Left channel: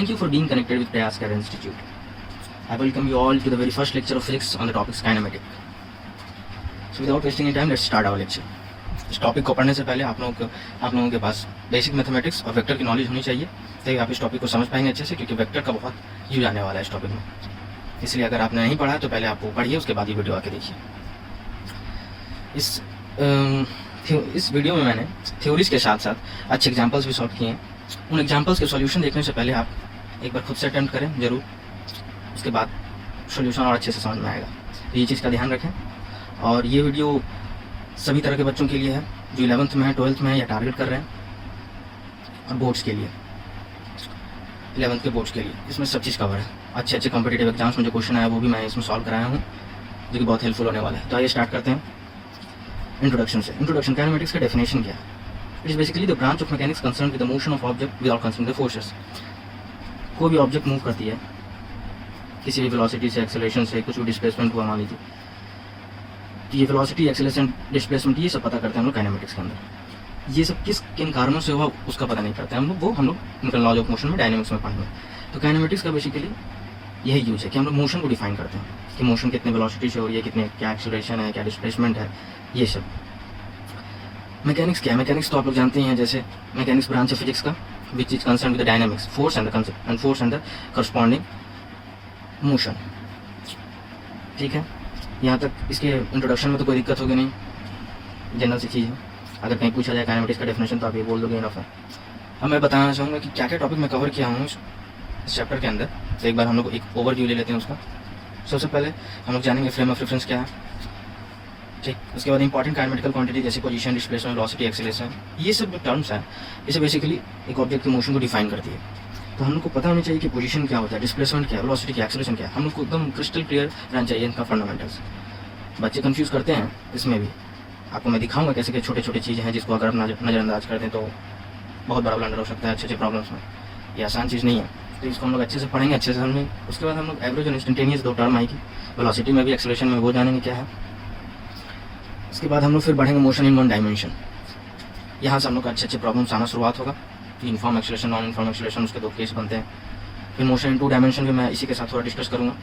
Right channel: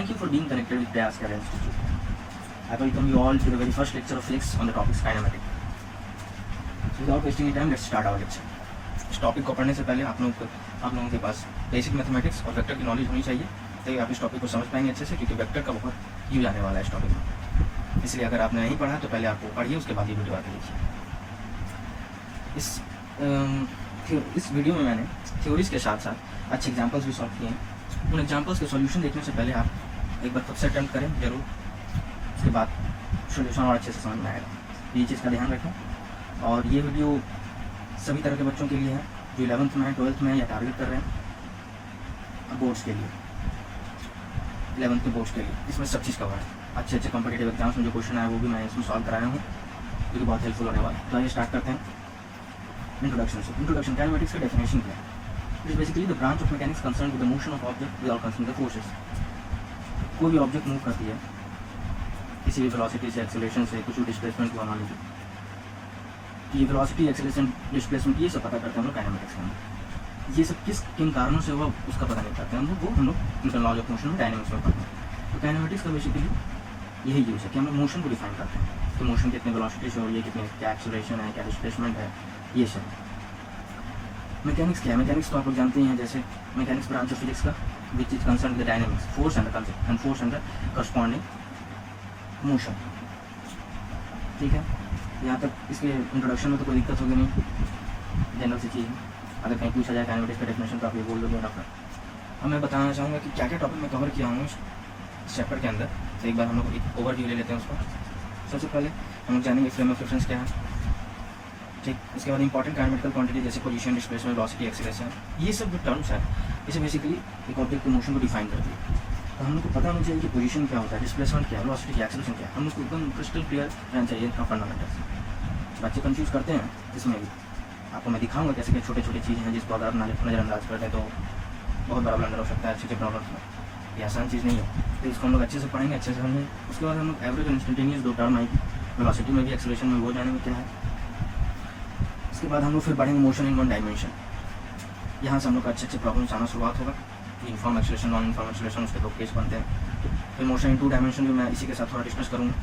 Thank you for being connected with Prayas Care Institute. I welcome you all to the very first lecture of physics on the topic kinematic. So without wasting any time, let's start our lecture. इस topic को पढ़ने से पहले आप लोगों के पास basic mathematics और vector की नॉलेज होनी चाहिए, ताकि आप इस टॉपिक को समझ पाएंगे अच्छे से, क्योंकि वेक्टर का बहुत यूज आने वाला है इस टॉपिक में। इसलिए अगर आपने नहीं पढ़ा है तो पहले आप वो पढ़िए, उसके बाद ये वीडियो आके देखिए। इस वीडियो में मैंने थ्योरीज के साथ साथ अच्छे एग्जाम्पल्स भी सॉल्व किए हैं। उन एग्जाम्पल्स के सॉल्यूशन देखने से पहले आप एक बार खुद से अटेम्प्ट करें जरूर, उसके बाद सॉल्यूशन और अच्छे से समझ में आएगा। तो ये चीज़ का ध्यान रखें। और ये वीडियो सभी तरह के बच्चों के लिए है, जो 11th में है, 12th में है या टारगेट कर रहे हैं, और बोर्ड्स के लिए, 11th के बोर्ड्स के लिए। इसमें सब चीज़ कवर है। अच्छे अच्छे कॉम्पिटेटिव एग्जाम्स में जो क्वेश्चन आया वो भी मैं इसमें सॉल्व कराया हूँ, जो कि बहुत हेल्पफुल होने वाला है। तो आइए स्टार्ट करते हैं इंट्रोडक्शन से। इंट्रोडक्शन, काइनेमेटिक्स का डेफिनेशन क्या है? It is basically the branch of mechanics concern with the motion of object without considering the forces. कोई भी ऑब्जेक्ट मूव करती है किसी भी वेलोसिटी से, एक्सेलरेशन से, कुछ भी डिस्प्लेसमेंट हुआ मान लीजिए, ये वेलोसिटी, एक्सेलरेशन, डिस्प्लेसमेंट, ये सब पता करते हैं हम लोग काइनेमेटिक्स के अंदर। ये सब किन कारणों से हुआ उसका पता नहीं करते हम लोग, वो हम लोग न्यूटन लॉज ऑफ मोशन में, डायनेमिक्स में पढ़ते हैं। तो काइनेमेटिक्स का बेसिकली यही यूज है कि हम लोग मोशन को डिफाइन करते हैं कि मोशन कितने वेलोसिटी से हो रही है, कितने, क्या एक्सेलरेशन है, क्या डिस्प्लेसमेंट है, ये सब। मैकेनिक्स क्या है? मैकेनिक्स तो आप लोग जानते ही हैं, जैसे मैकेनिक्स ब्रांच है फिजिक्स का, which is concern with the dynamics, force and the concept and force and the corresponding motion. ठीक है, यहाँ तक इसके इंट्रोडक्शन में तो कोई दिक्कत होगी नहीं, जनरल सी चीज़ है। अगर कहीं पूछा जाए काइनेमेटिक्स का डेफिनेशन तो आप ये बोल दोगे इनफ है। अब मैं बताना चाहूँगा कि क्या क्या टॉपिक मैं कवर किया हूँ इस चैप्टर के अंदर। तो एक बार हम लोग एक ओवरव्यू ले लेते हैं उसका। सबसे पहले हम लोग जानेंगे फ्रेम ऑफ रेफरेंस क्या है, ठीक। उसके बाद इंपॉर्टेंट काइनेमेटिकल क्वांटिटी जैसे पोजीशन, डिस्प्लेसमेंट, वेलोसिटी, एक्सेलरेशन, ये सब जो टर्म्स हैं इसे बेसिकली एक ऑब्जेक्ट के मोशन को डिफाइन करती है। तो हम लोग को पता होनी चाहिए कि पोजीशन क्या होता है, डिस्प्लेसमेंट क्या है, वेलोसिटी क्या, एक्सेलरेशन क्या है। हम लोग को एकदम क्रिस्टल क्लियर रहना चाहिए इनका फंडामेंटल्स। बच्चे कंफ्यूज करते हैं इसमें भी, आपको मैं दिखाऊंगा कैसे कि छोटे छोटे चीज़ें हैं जिसको अगर आप नज़रअंदाज कर दें तो बहुत बड़ा ब्लंडर हो सकता है अच्छे अच्छे प्रॉब्लम्स में। ये आसान चीज़ नहीं है, तो इसको हम लोग अच्छे से पढ़ेंगे, अच्छे से समझेंगे। उसके बाद हम लोग एवरेज और इंस्टेंटेनियस दो टर्म आएगी, वेलोसिटी में भी, एक्सेलरेशन में, वो जानेंगे क्या है। उसके बाद हम लोग फिर बढ़ेंगे मोशन इन वन डायमेंशन। यहाँ से हम लोग अच्छे अच्छे प्रॉब्लम्स आना शुरुआत होगा। Uniform acceleration, non uniform acceleration, उसके दो केस बनते हैं। फिर मोशन इन टू डायमेंशन भी मैं इसी के साथ थोड़ा डिस्कस करूँगा।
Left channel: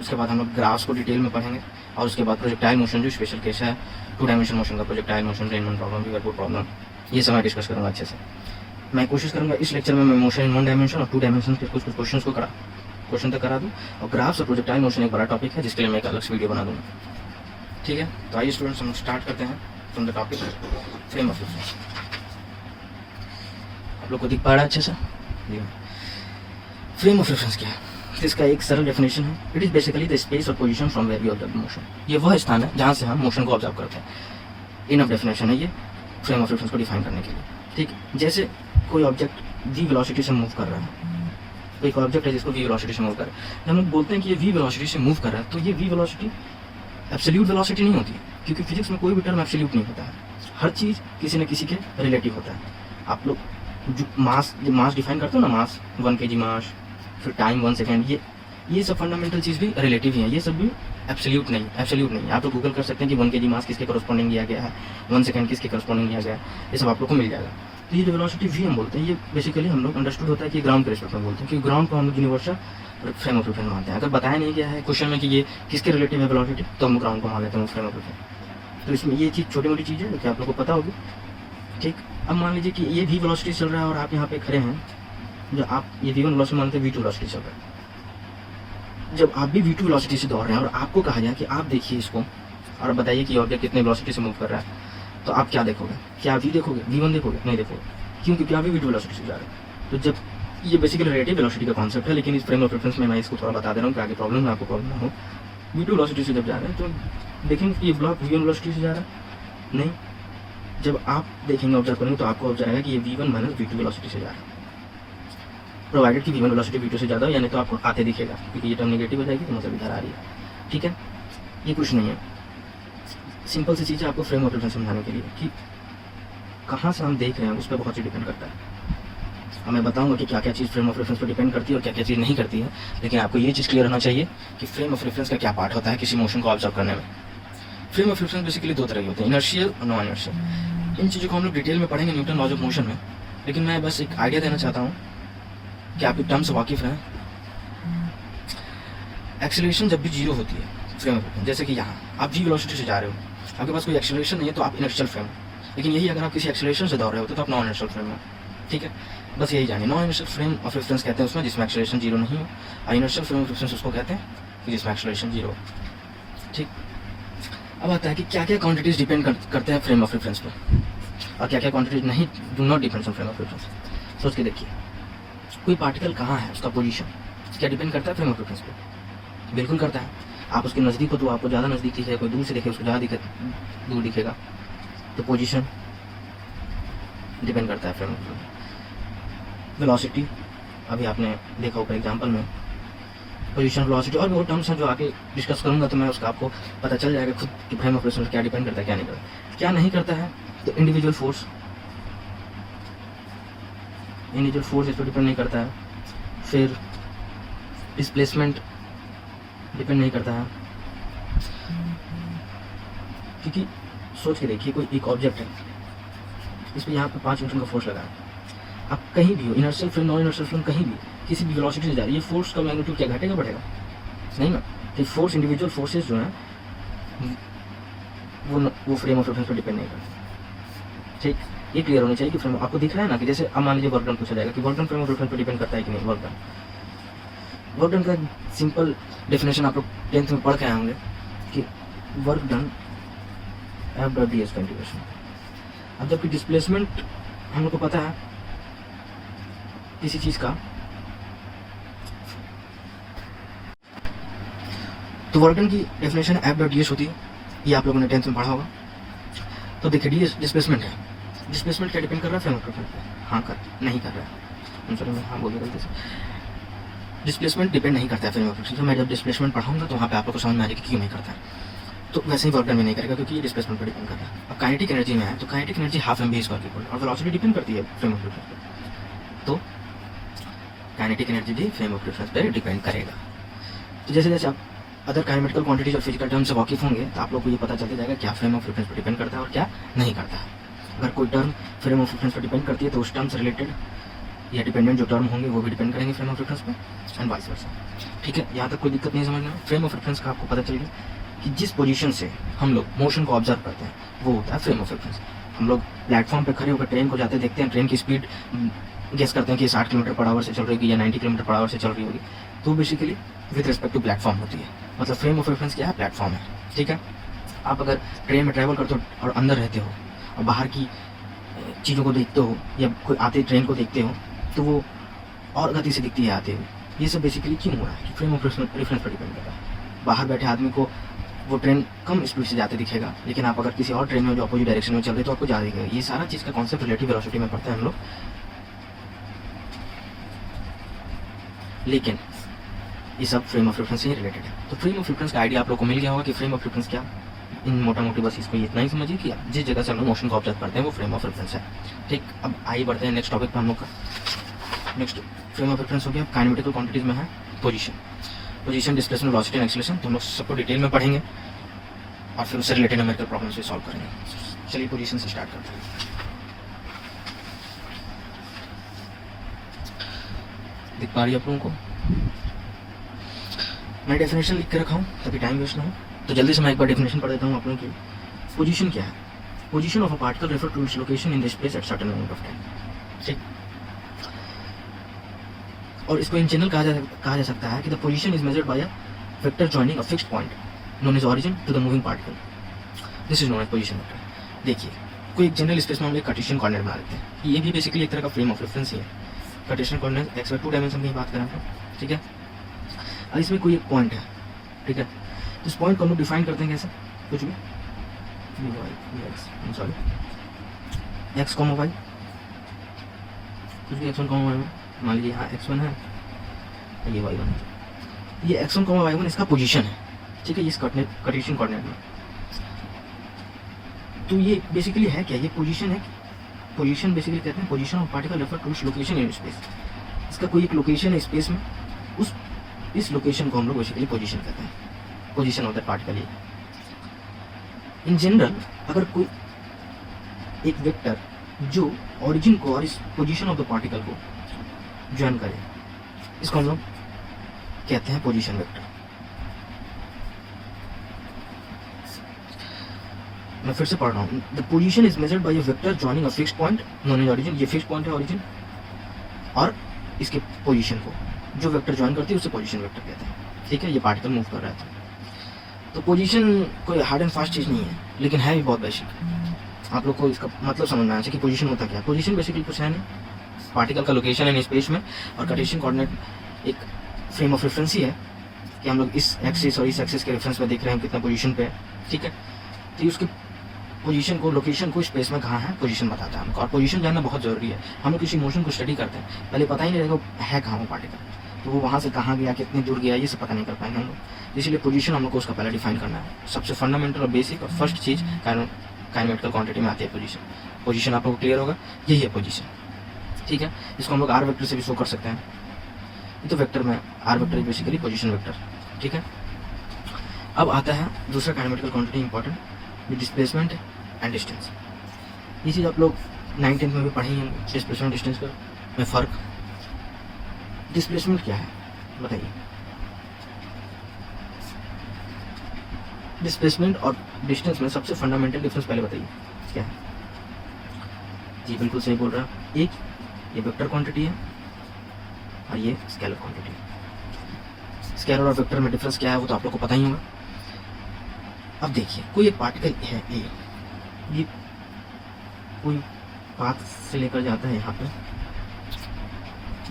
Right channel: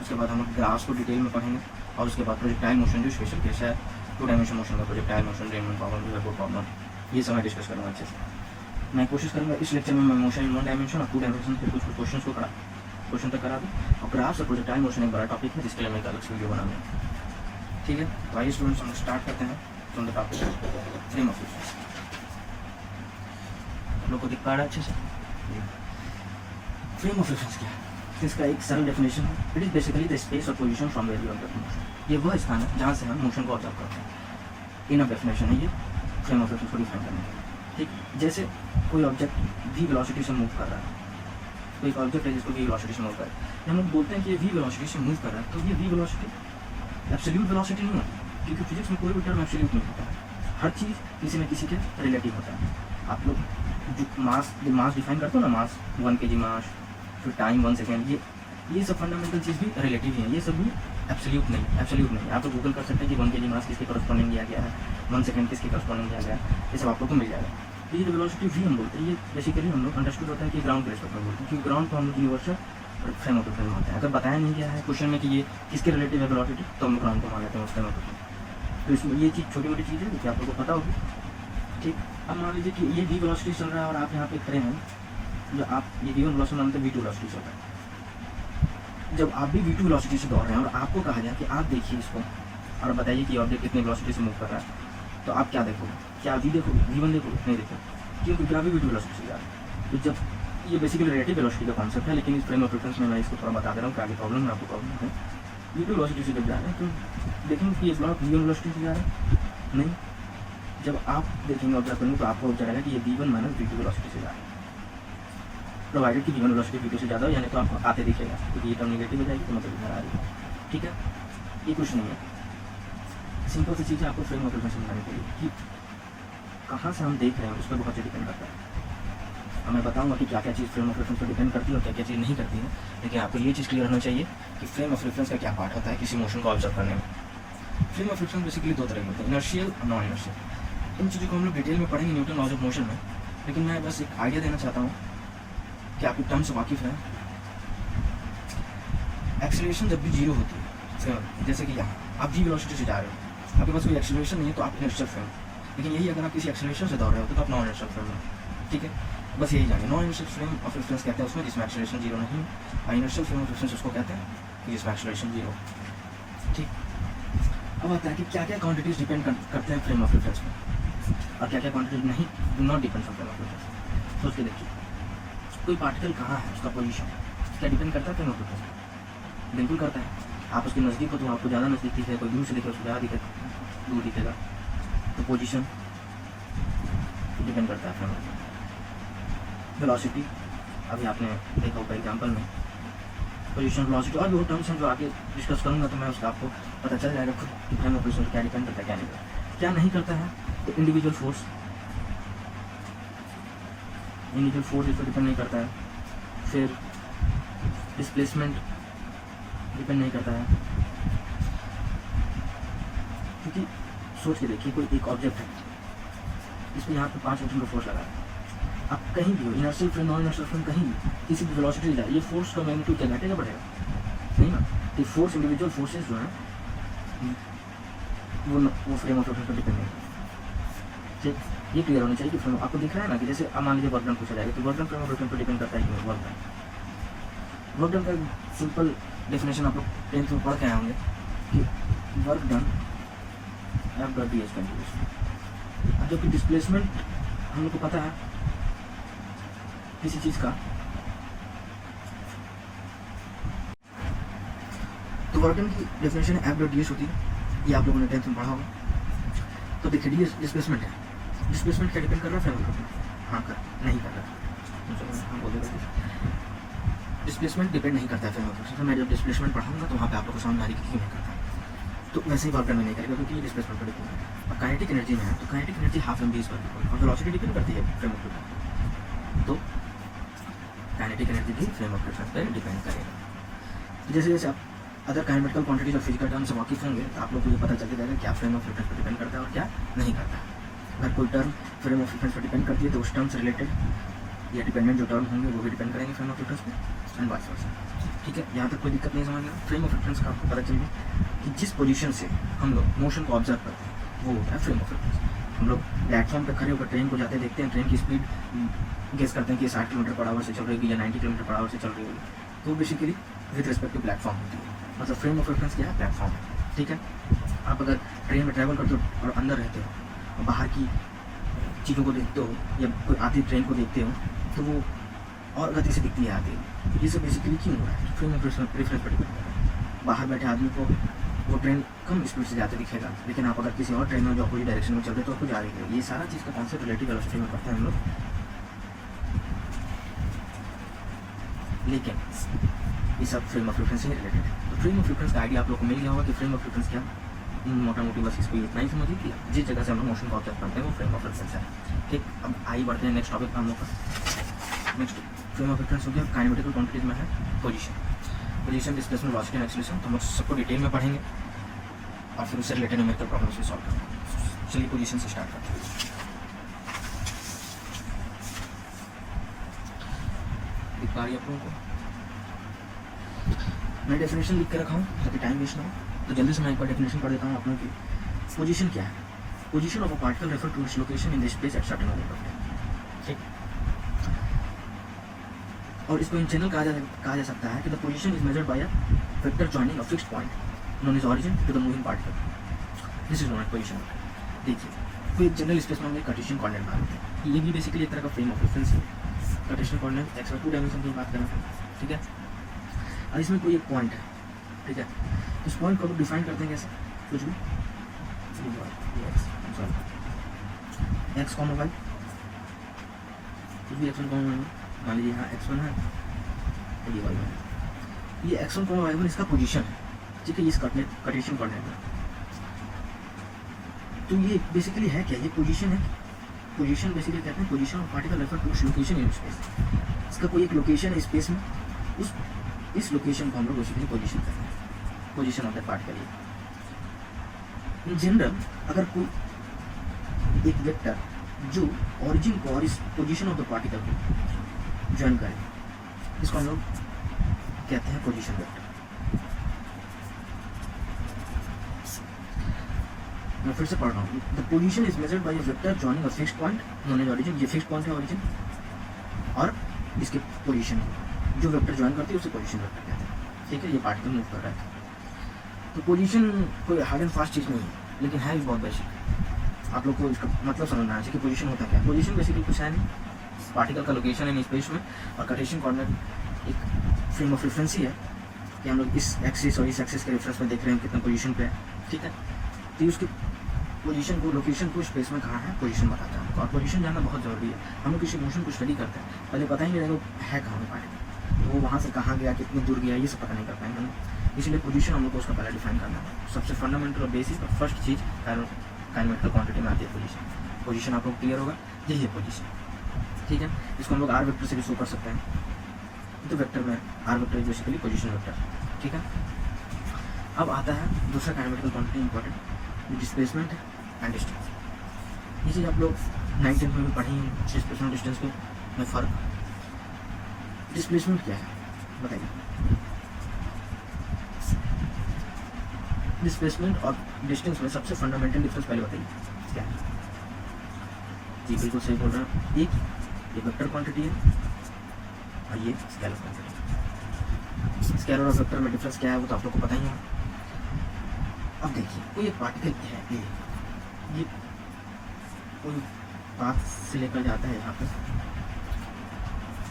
उसके बाद हम लोग ग्राफ्स को डिटेल में पढ़ेंगे, और उसके बाद प्रोजेक्टाइल मोशन जो स्पेशल केस है, टू डायमेंशन मोशन का, projectile motion, Rain Man problem, Liverpool problem, ये सब मैं डिस्कस करूँगा अच्छे से। मैं कोशिश करूँगा इस लेक्चर में मैं मोशन इन वन डायमेंशन और टू डायमेंशन के कुछ क्वेश्चन को क्वेश्चन तक करा दूँ। और ग्राफ्स और प्रोजेक्टाइल मोशन एक बड़ा टॉपिक है जिसके लिए मैं एक अलग वीडियो बना दूँगा। ठीक है, तो आइए स्टूडेंट्स हम लोग स्टार्ट करते हैं from the topic frame of reference. आप लोग को दिख पा रहा है अच्छे से? फ्रेम ऑफ रेफरेंस क्या है? इसका एक सरल डेफिनेशन है। It is basically the space और position from where we observe motion. ये वह स्थान है जहाँ से हम मोशन को ऑब्जर्व करते हैं। इनफ डेफिनेशन है ये फ्रेम ऑफ रेफरेंस को डिफाइन करने के लिए। ठीक, जैसे कोई ऑब्जेक्ट वी वेलोसिटी से मूव कर रहा है, कोई ऑब्जेक्ट है जिसको वी वेलोसिटी से मूव कर रहा है। जब हम लोग बोलते हैं कि ये वी वेलोसिटी से मूव कर रहा है, तो ये वी वेलोसिटी एब्सोल्यूट वेलोसिटी नहीं होती, क्योंकि फिजिक्स में कोई भी टर्म एब्सोल्यूट नहीं होता है। हर चीज़ किसी न किसी के रिलेटिव होता है। आप लोग जो मास डिफाइन करते हो ना, मास 1 kg मास, फिर टाइम 1 सेकेंड, ये सब फंडामेंटल चीज़ भी रिलेटिव ही है। ये सब भी एब्सोल्यूट नहीं। आप लोग गूगल कर सकते हैं कि 1 kg मास किसके करस्पॉन्डिंग दिया गया है, 1 सेकेंड किसके करस्पॉन्डिंग दिया गया है, ये सब आप लोग को मिल जाएगा। तो ये जो वेलोसिटी वी हम बोलते हैं, ये बेसिकली हम लोग अंडरस्टूड होता है कि ग्राउंड के रिस्पेक्ट में बोलते हैं, क्योंकि ग्राउंड को हम लोग यूनिवर्सल फ्रेम ऑफ रेफरेंस मानते हैं। अगर बताया नहीं गया है क्वेश्चन में कि ये किसके रिलेटिव है वेलोसिटी, तो हम लोग ग्राउंड को मान लेते हैं फ्रेम ऑफ रेफरेंस। तो इसमें ये चीज़ छोटी मोटी चीज़ है कि आप लोग को पता होगी। ठीक, अब मान लीजिए कि ये वी वेलोसिटी चल रहा है और आप यहाँ पे खड़े हैं, जब आप ये वी1 वेलोसिटी मानते हैं, वी2 वेलोसिटी चल रहा है। जब आप भी वी2 वेलोसिटी से दौड़ रहे हैं और आपको कहा जाए कि आप देखिए इसको और बताइए कि ऑब्जेक्ट कितने वेलोसिटी से मूव कर रहा है, तो आप क्या देखोगे? क्या वी देखोगे, वी1 देखोगे? नहीं देखोगे। क्यों? क्योंकि आप भी वी2 वेलोसिटी से जा रहे हैं। तो जब ये बेसिकली रिलेटिव वेलोसिटी का कॉन्सेप्ट है, लेकिन इस फ्रेम ऑफ रेफरेंस में मैं इसको थोड़ा बता दे रहा हूँ कि आगे प्रॉब्लम में आपको प्रॉब्लम हो। वी2 वेलोसिटी से जब जा रहे हैं तो देखेंगे कि ये ब्लॉक वी1 वेलोसिटी से जा रहा है, नहीं। जब आप देखेंगे, ऑब्जर्व करेंगे, तो आपको जाएगा कि ये वी1 माइनस वी2 वेलोसिटी से जा रहा है, प्रोवाइडेड कि वी1 वेलोसिटी वी2 से ज़्यादा हो, यानी तो आपको आते दिखेगा, क्योंकि ये टर्म नेगेटिव हो जाएगी तो मतलब इधर आ रही है। ठीक है, ये कुछ नहीं है, सिंपल सी चीज़ है आपको फ्रेम ऑफ रेफरेंस समझाने के लिए कि कहाँ से हम देख रहे हैं उस पर बहुत चीज़ डिपेंड करता है। अब मैं बताऊंगा कि क्या क्या चीज़ फ्रेम ऑफ रेफरेंस पर डिपेंड करती है और क्या क्या चीज़ नहीं करती है, लेकिन आपको ये चीज़ क्लियर होना चाहिए कि फ्रेम ऑफ रेफरेंस का क्या पार्ट होता है किसी मोशन को ऑब्जर्व करने में। फ्रेम ऑफ रेफरेंस बेसिकली दो तरह के होते हैं, इनर्शियल और नॉन इनर्शियल। इन चीज़ों को हम लोग डिटेल में पढ़ेंगे न्यूटन लॉज ऑफ मोशन में, लेकिन मैं बस एक आइडिया देना चाहता हूँ क्या आप टर्म से वाकिफ हैं? एक्सेलरेशन जब भी जीरो होती है फ्रेम ऑफ रेफरेंस, जैसे कि यहाँ आप जी वेलोसिटी से जा रहे हो, आपके पास कोई एक्सेलरेशन नहीं है तो आप इनर्शियल फ्रेम हो। लेकिन यही अगर आप किसी एक्सेलरेशन से दौड़ रहे होते तो आप नॉन इनर्शियल फ्रेम हो। ठीक है, बस यही जानिए। Non inertial frame of reference कहते हैं उसमें जिसमें एक्सेलरेशन जीरो नहीं हो, और इनर्शियल फ्रेम ऑफ रेफरेंस उसको कहते हैं जिसमें एक्सेलरेशन जीरो हो। ठीक, अब आता है कि क्या क्या क्वांटिटीज डिपेंड करते हैं फ्रेम ऑफ रेफरेंस पे और क्या क्या क्वांटिटीज नहीं, do not depend on frame of reference. सोच के देखिए, कोई पार्टिकल कहाँ है, उसका पोजीशन क्या डिपेंड करता है फ्रेम ऑफ रेफरेंस पे? बिल्कुल करता है। आप उसके नज़दीक हो तो आपको ज़्यादा नज़दीक दिखेगा, कोई दूर से देखे उसको ज़्यादा दूर दिखेगा, तो पोजीशन डिपेंड करता है फ्रेम ऑफ रेफरेंस। वेलोसिटी, अभी आपने देखा होगा एग्जाम्पल में, पोजीशन, वेलोसिटी और वो टर्म्स हैं जो आके डिस्कस करूंगा तो मैं उसका आपको पता चल जाएगा खुद कि फ्रेम ऑफ रेफरेंस क्या डिपेंड करता है क्या नहीं करता। क्या नहीं करता है तो इंडिविजुअल फोर्स इस पर डिपेंड नहीं करता है। फिर डिस्प्लेसमेंट डिपेंड नहीं करता है, क्योंकि सोच के देखिए कोई एक ऑब्जेक्ट है, इस पर यहाँ पे 5 न्यूटन का फोर्स लगा है। आप कहीं भी हो, inertial frame, non inertial frame, कहीं भी किसी भी वेलोसिटी से जा रही है, फोर्स का मैग्नीट्यूड क्या घटेगा बढ़ेगा? नहीं ना। तो फोर्स, इंडिविजुअल फोर्सेस जो हैं वो फ्रेम ऑफ रेफरेंस पर डिपेंड नहीं करता। ठीक, ये क्लियर होनी चाहिए कि फ्रेम आपको दिख रहा है ना कि जैसे अब मान लीजिए वर्क डन पूछा जाएगा कि work done frame of reference पर डिपेंड करता है कि नहीं। वर्क डन का सिंपल डेफिनेशन आप लोग 10th में पढ़ के आए होंगे कि work done F/d is continuation. अब जबकि डिस्प्लेसमेंट हम लोग को पता है किसी चीज़ का, तो वर्क डन की डेफिनेशन F/ds होती है, ये आप लोगों ने 10th में पढ़ा होगा। तो देखिए डी डिस्प्लेसमेंट है, डिस्प्लेसमेंट क्या डिपेंड कर रहा है फ्रेम ऑफ रेफरेंस पे? हाँ कर नहीं कर रहा है, चलो हाँ बोल गलती से। डिस्प्लेसमेंट डिपेंड नहीं करता है फ्रेम ऑफ रेफरेंस। तो मैं जब डिस्प्लेसमेंट पढ़ाऊंगा तो वहाँ पे आप लोग को समझ में आ जाएगा कि क्यों नहीं करता है। तो वैसे ही वर्क डन में नहीं करेगा क्योंकि ये डिस्प्लेसमेंट पर डिपेंड करता है। अब काइनेटिक एनर्जी में है तो kinetic energy half m v square की और वेलोसिटी डिपेंड करती है फ्रेम ऑफ रेफरेंस पर, तो काइनेटिक एनर्जी भी फ्रेम ऑफ रेफरेंस पर डिपेंड करेगा। तो जैसे जैसे आप अदर काइनेमेटिकल क्वांटिटीज और फिजिकल टर्म से वाकिफ होंगे तो आप लोग को ये पता चलता जाएगा क्या फ्रेम ऑफ रेफरेंस पर डिपेंड करता है और क्या नहीं करता है। अगर कोई टर्म फ्रेम ऑफ रेफरेंस पर डिपेंड करती है तो उस टर्म से रिलेटेड या डिपेंडेंट जो टर्म होंगे वो भी डिपेंड करेंगे फ्रेम ऑफ रेफरेंस पे एंड वाइस वर्सा। ठीक है, यहाँ तक कोई दिक्कत नहीं समझना। फ्रेम ऑफ रेफरेंस का आपको पता चल गया कि जिस पोजीशन से हम लोग मोशन को ऑब्जर्व करते हैं वो होता है फ्रेम ऑफ रेफरेंस। हम लोग प्लेटफॉर्म पे खड़े होकर ट्रेन को जाते देखते हैं, ट्रेन की स्पीड गेस करते हैं कि 60 किलोमीटर पर आवर से चल रही होगी या 90 किलोमीटर पर आवर से चल रही होगी, तो basically with respect to platform होती है। मतलब फ्रेम ऑफ रेफरेंस क्या है? प्लेटफॉर्म है। ठीक है, आप अगर ट्रेन में ट्रैवल करते हो और अंदर रहते हो और बाहर की चीज़ों को देखते हो या कोई आते ट्रेन को देखते हो तो वो और गति से दिखती है आते हुए। ये सब बेसिकली क्यों हो रहा है? फ्रेम ऑफ रेफरेंस पर डिपेंड कर रहा है। बाहर बैठे आदमी को वो ट्रेन कम स्पीड से जाते दिखेगा, लेकिन आप अगर किसी और ट्रेन में जो अपोजिट डायरेक्शन में चल रहे हैं तो आपको ज़्यादा दिखेगा। ये सारा चीज़ का कॉन्सेप्ट रिलेटिव वेलोसिटी में पढ़ते हैं हम लोग, लेकिन ये सब फ्रेम ऑफ रेफरेंस से ही रिलेटेड है। तो फ्रेम ऑफ रेफरेंस का आइडिया आप लोग को मिल गया होगा कि फ्रेम ऑफ रेफरेंस क्या, इन मोटा मोटी बस इसको इतना ही समझिए कि जिस जगह से हम लोग मोशन को ऑब्जर्व करते हैं वो फ्रेम ऑफ रेफरेंस है। ठीक, अब आइए बढ़ते हैं नेक्स्ट टॉपिक पर। हम लोग का नेक्स्ट फ्रेम ऑफ रेफरेंस हो गया काइनेमेटिकल क्वांटिटीज में है position, displacement, velocity and acceleration. तो हम लोग सबको डिटेल में पढ़ेंगे और फिर उससे रिलेटेड न्यूमेरिकल प्रॉब्लम्स भी सॉल्व करेंगे। चलिए पोजीशन से स्टार्ट करते हैं। दिख पा रही है आप लोगों को? मैं डेफिनेशन लिख के रखा हूँ ताकि टाइम वेस्ट ना हो, तो जल्दी से मैं एक बार डेफिनेशन पढ़ देता हूँ आप लोगों की। पोजीशन क्या है? Position of a particle refer to its location in the space at certain moment of time. ठीक, और इसको इन जनरल कहा जा सकता है कि the position is measured by a vector joining a fixed point known as origin to the moving particle. This is known as position vector. देखिए, कोई एक जनरल स्पेस में हम लोग कार्टेशियन कोऑर्डिनेट बना लेते हैं, ये भी बेसिकली एक तरह का फ्रेम ऑफ रेफरेंस ही है। Cartesian coordinate x y 2 dimension की बात करें। ठीक है, और इसमें कोई एक पॉइंट है। ठीक है, इस पॉइंट को हम लोग डिफाइन करते हैं कैसे? कुछ भी एक्स कॉमा वाई, कुछ भी x1 कॉमा y1, मान लीजिए यहाँ x1 है, ये y1, ये x1 कॉमा y1 इसका पोजीशन है। ठीक है, ये कार्टेशियन कोऑर्डिनेट में। तो ये बेसिकली है क्या? ये पोजीशन है। पोजीशन बेसिकली कहते हैं position of particle refer to its location in space. इसका कोई एक लोकेशन है स्पेस में, इस लोकेशन को हम लोग बेसिकली पोजीशन कहते हैं, position of that particle. In general अगर कोई एक वेक्टर जो ओरिजिन को और इस पोजीशन ऑफ द पार्टिकल को ज्वाइन करे इसको हम लोग कहते हैं पोजीशन वेक्टर। मैं फिर से पढ़ रहा हूँ। The position is measured by a vector joining a fixed point known as origin. ये फिक्स्ड पॉइंट है ओरिजिन, और इसके पोजीशन को जो वेक्टर ज्वाइन करते हैं उसे पोजीशन वेक्टर कहते हैं। ठीक है, ये पार्टिकल मूव कर रहा है। तो पोजीशन कोई हार्ड एंड फास्ट चीज़ नहीं है, लेकिन है भी बहुत बेसिक। आप लोग को इसका मतलब समझ में आना चाहिए कि पोजीशन होता क्या है। पोजीशन बेसिकली कुछ है नहीं, पार्टिकल का लोकेशन है स्पेस में, और कार्टेशियन कोऑर्डिनेट एक फ्रेम ऑफ रेफरेंस ही है कि हम लोग इस एक्सिस और इस एक्सिस के रेफरेंस में देख रहे हैं कितना पोजीशन पे है। ठीक है, तो उसकी पोजीशन को, लोकेशन को स्पेस में कहाँ है पोजीशन बताता है हमको, और पोजीशन जानना बहुत ज़रूरी है। हम लोग किसी मोशन को स्टडी करते हैं, पहले पता ही नहीं रहेगा है कहाँ वो पार्टिकल, तो वो वहाँ से कहाँ गया, कितनी दूर गया, ये सब पता नहीं कर पाएंगे हम लोग। इसलिए पोजीशन हम लोग को उसका पहले डिफाइन करना है। सबसे फंडामेंटल और बेसिक और फर्स्ट चीज़ काइनेमेटिकल क्वांटिटी में आती है पोजीशन। पोजीशन आप लोग को क्लियर होगा, यही है पोजीशन। ठीक है, इसको हम लोग आर वेक्टर से भी शो कर सकते हैं। तो वेक्टर में r vector is basically position vector. ठीक है, अब आता है दूसरा kinematical quantity important, displacement and distance. ये चीज़ आप लोग 9th-10th में भी पढ़ी हैं, डिस्प्लेसमेंट डिस्टेंस में फ़र्क। डिस्प्लेसमेंट क्या है बताइए। डिस्प्लेसमेंट और डिस्टेंस में सबसे फंडामेंटल डिफरेंस पहले बताइए क्या है। जी बिल्कुल सही बोल रहा है। एक ये वेक्टर क्वांटिटी है और ये स्केलर क्वांटिटी है। स्केलर और वेक्टर में डिफरेंस क्या है वो तो आप लोग को पता ही होगा। अब देखिए, कोई एक पार्टिकल है ए, ये कोई पाथ से लेकर जाता है यहाँ पे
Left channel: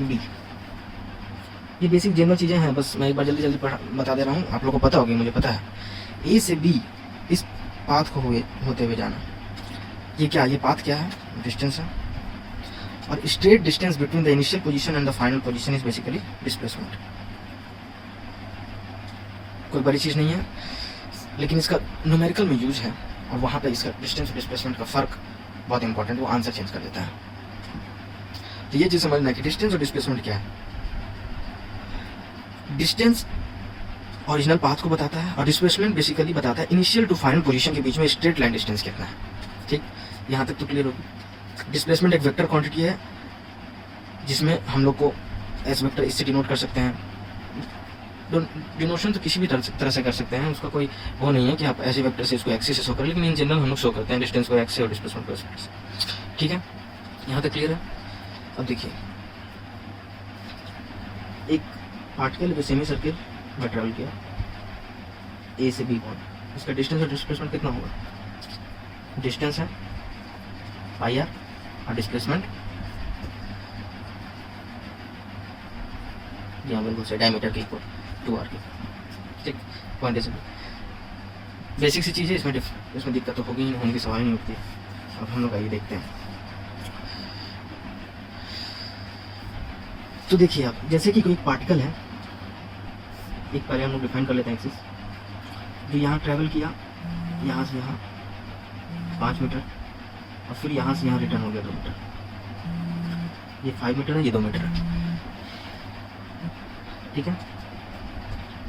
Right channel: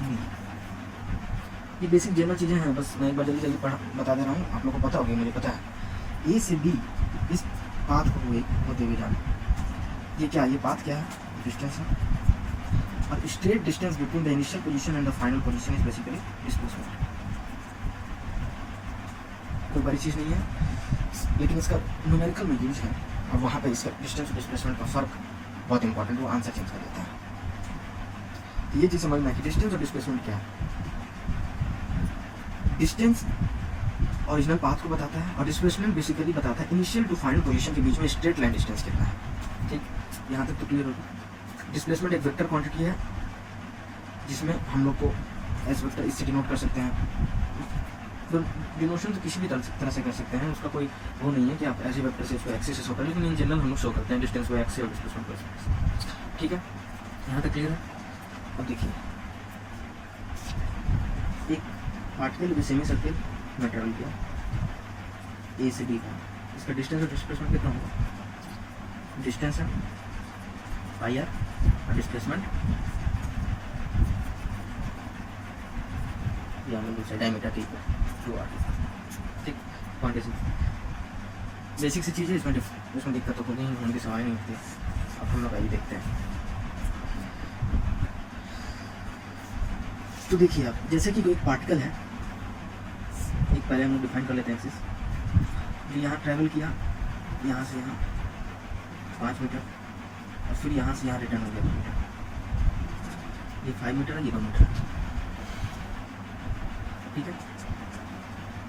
बी। ये बेसिक जनरल चीज़ें हैं, बस मैं एक बार जल्दी जल्दी बता दे रहा हूँ, आप लोग को पता होगी, मुझे पता है। ए से बी इस पाथ को होते हुए जाना, ये क्या, ये पाथ क्या है, डिस्टेंस है। और straight distance between the initial position and the final position is basically displacement. कोई बड़ी चीज़ नहीं है, लेकिन इसका न्यूमेरिकल में यूज है, और वहाँ पे इसका डिस्टेंस और डिस्प्लेसमेंट का फर्क बहुत इंपॉर्टेंट, वो आंसर चेंज कर देता है। तो ये चीज़ समझना कि डिस्टेंस और डिस्प्लेसमेंट क्या है। डिस्टेंस ओरिजिनल पाथ को बताता है, और डिस्प्लेसमेंट बेसिकली बताता है इनिशियल टू फाइनल पोजीशन के बीच में स्ट्रेट लाइन डिस्टेंस कितना है। ठीक, यहाँ तक तो क्लियर होगा। डिस्प्लेसमेंट एक वेक्टर क्वांटिटी है जिसमें हम लोग को एस वेक्टर इससे डिनोट कर सकते हैं। डिनोशन तो किसी भी तरह से कर सकते हैं, उसका कोई वो नहीं है कि आप ऐसे वेक्टर से इसको एक्सिस से शो करें, लेकिन इन जनरल हम लोग शो करते हैं डिस्टेंस को एक्स से और डिस्प्लेसमेंट को एस से। ठीक है, यहाँ तक क्लियर है। अब देखिए, एक पार्टिकल सेमी सर्किल में ट्रेवल किया ए से बी पॉइंट, इसका डिस्टेंस और डिस्प्लेसमेंट कितना होगा। डिस्टेंस है आई आर और डिस्प्लेसमेंट बिल्कुल से डायमीटर के इक्वल 2r। ठीक, पॉइंट ऐसे बेसिक सी चीज़ है, इसमें दिक्कत तो होगी, होने की सवाल नहीं होती। अब हम लोग आइए देखते हैं। तो देखिए आप, जैसे कि कोई पार्टिकल है, एक पहले हम लोग डिफाइन कर लेते हैं एक्सिस, जो यहाँ ट्रैवल किया, यहाँ से यहाँ 5 मीटर, और फिर यहाँ से यहाँ रिटर्न हो गया 2 मीटर। ये 5 मीटर है, ये 2 मीटर है। ठीक है,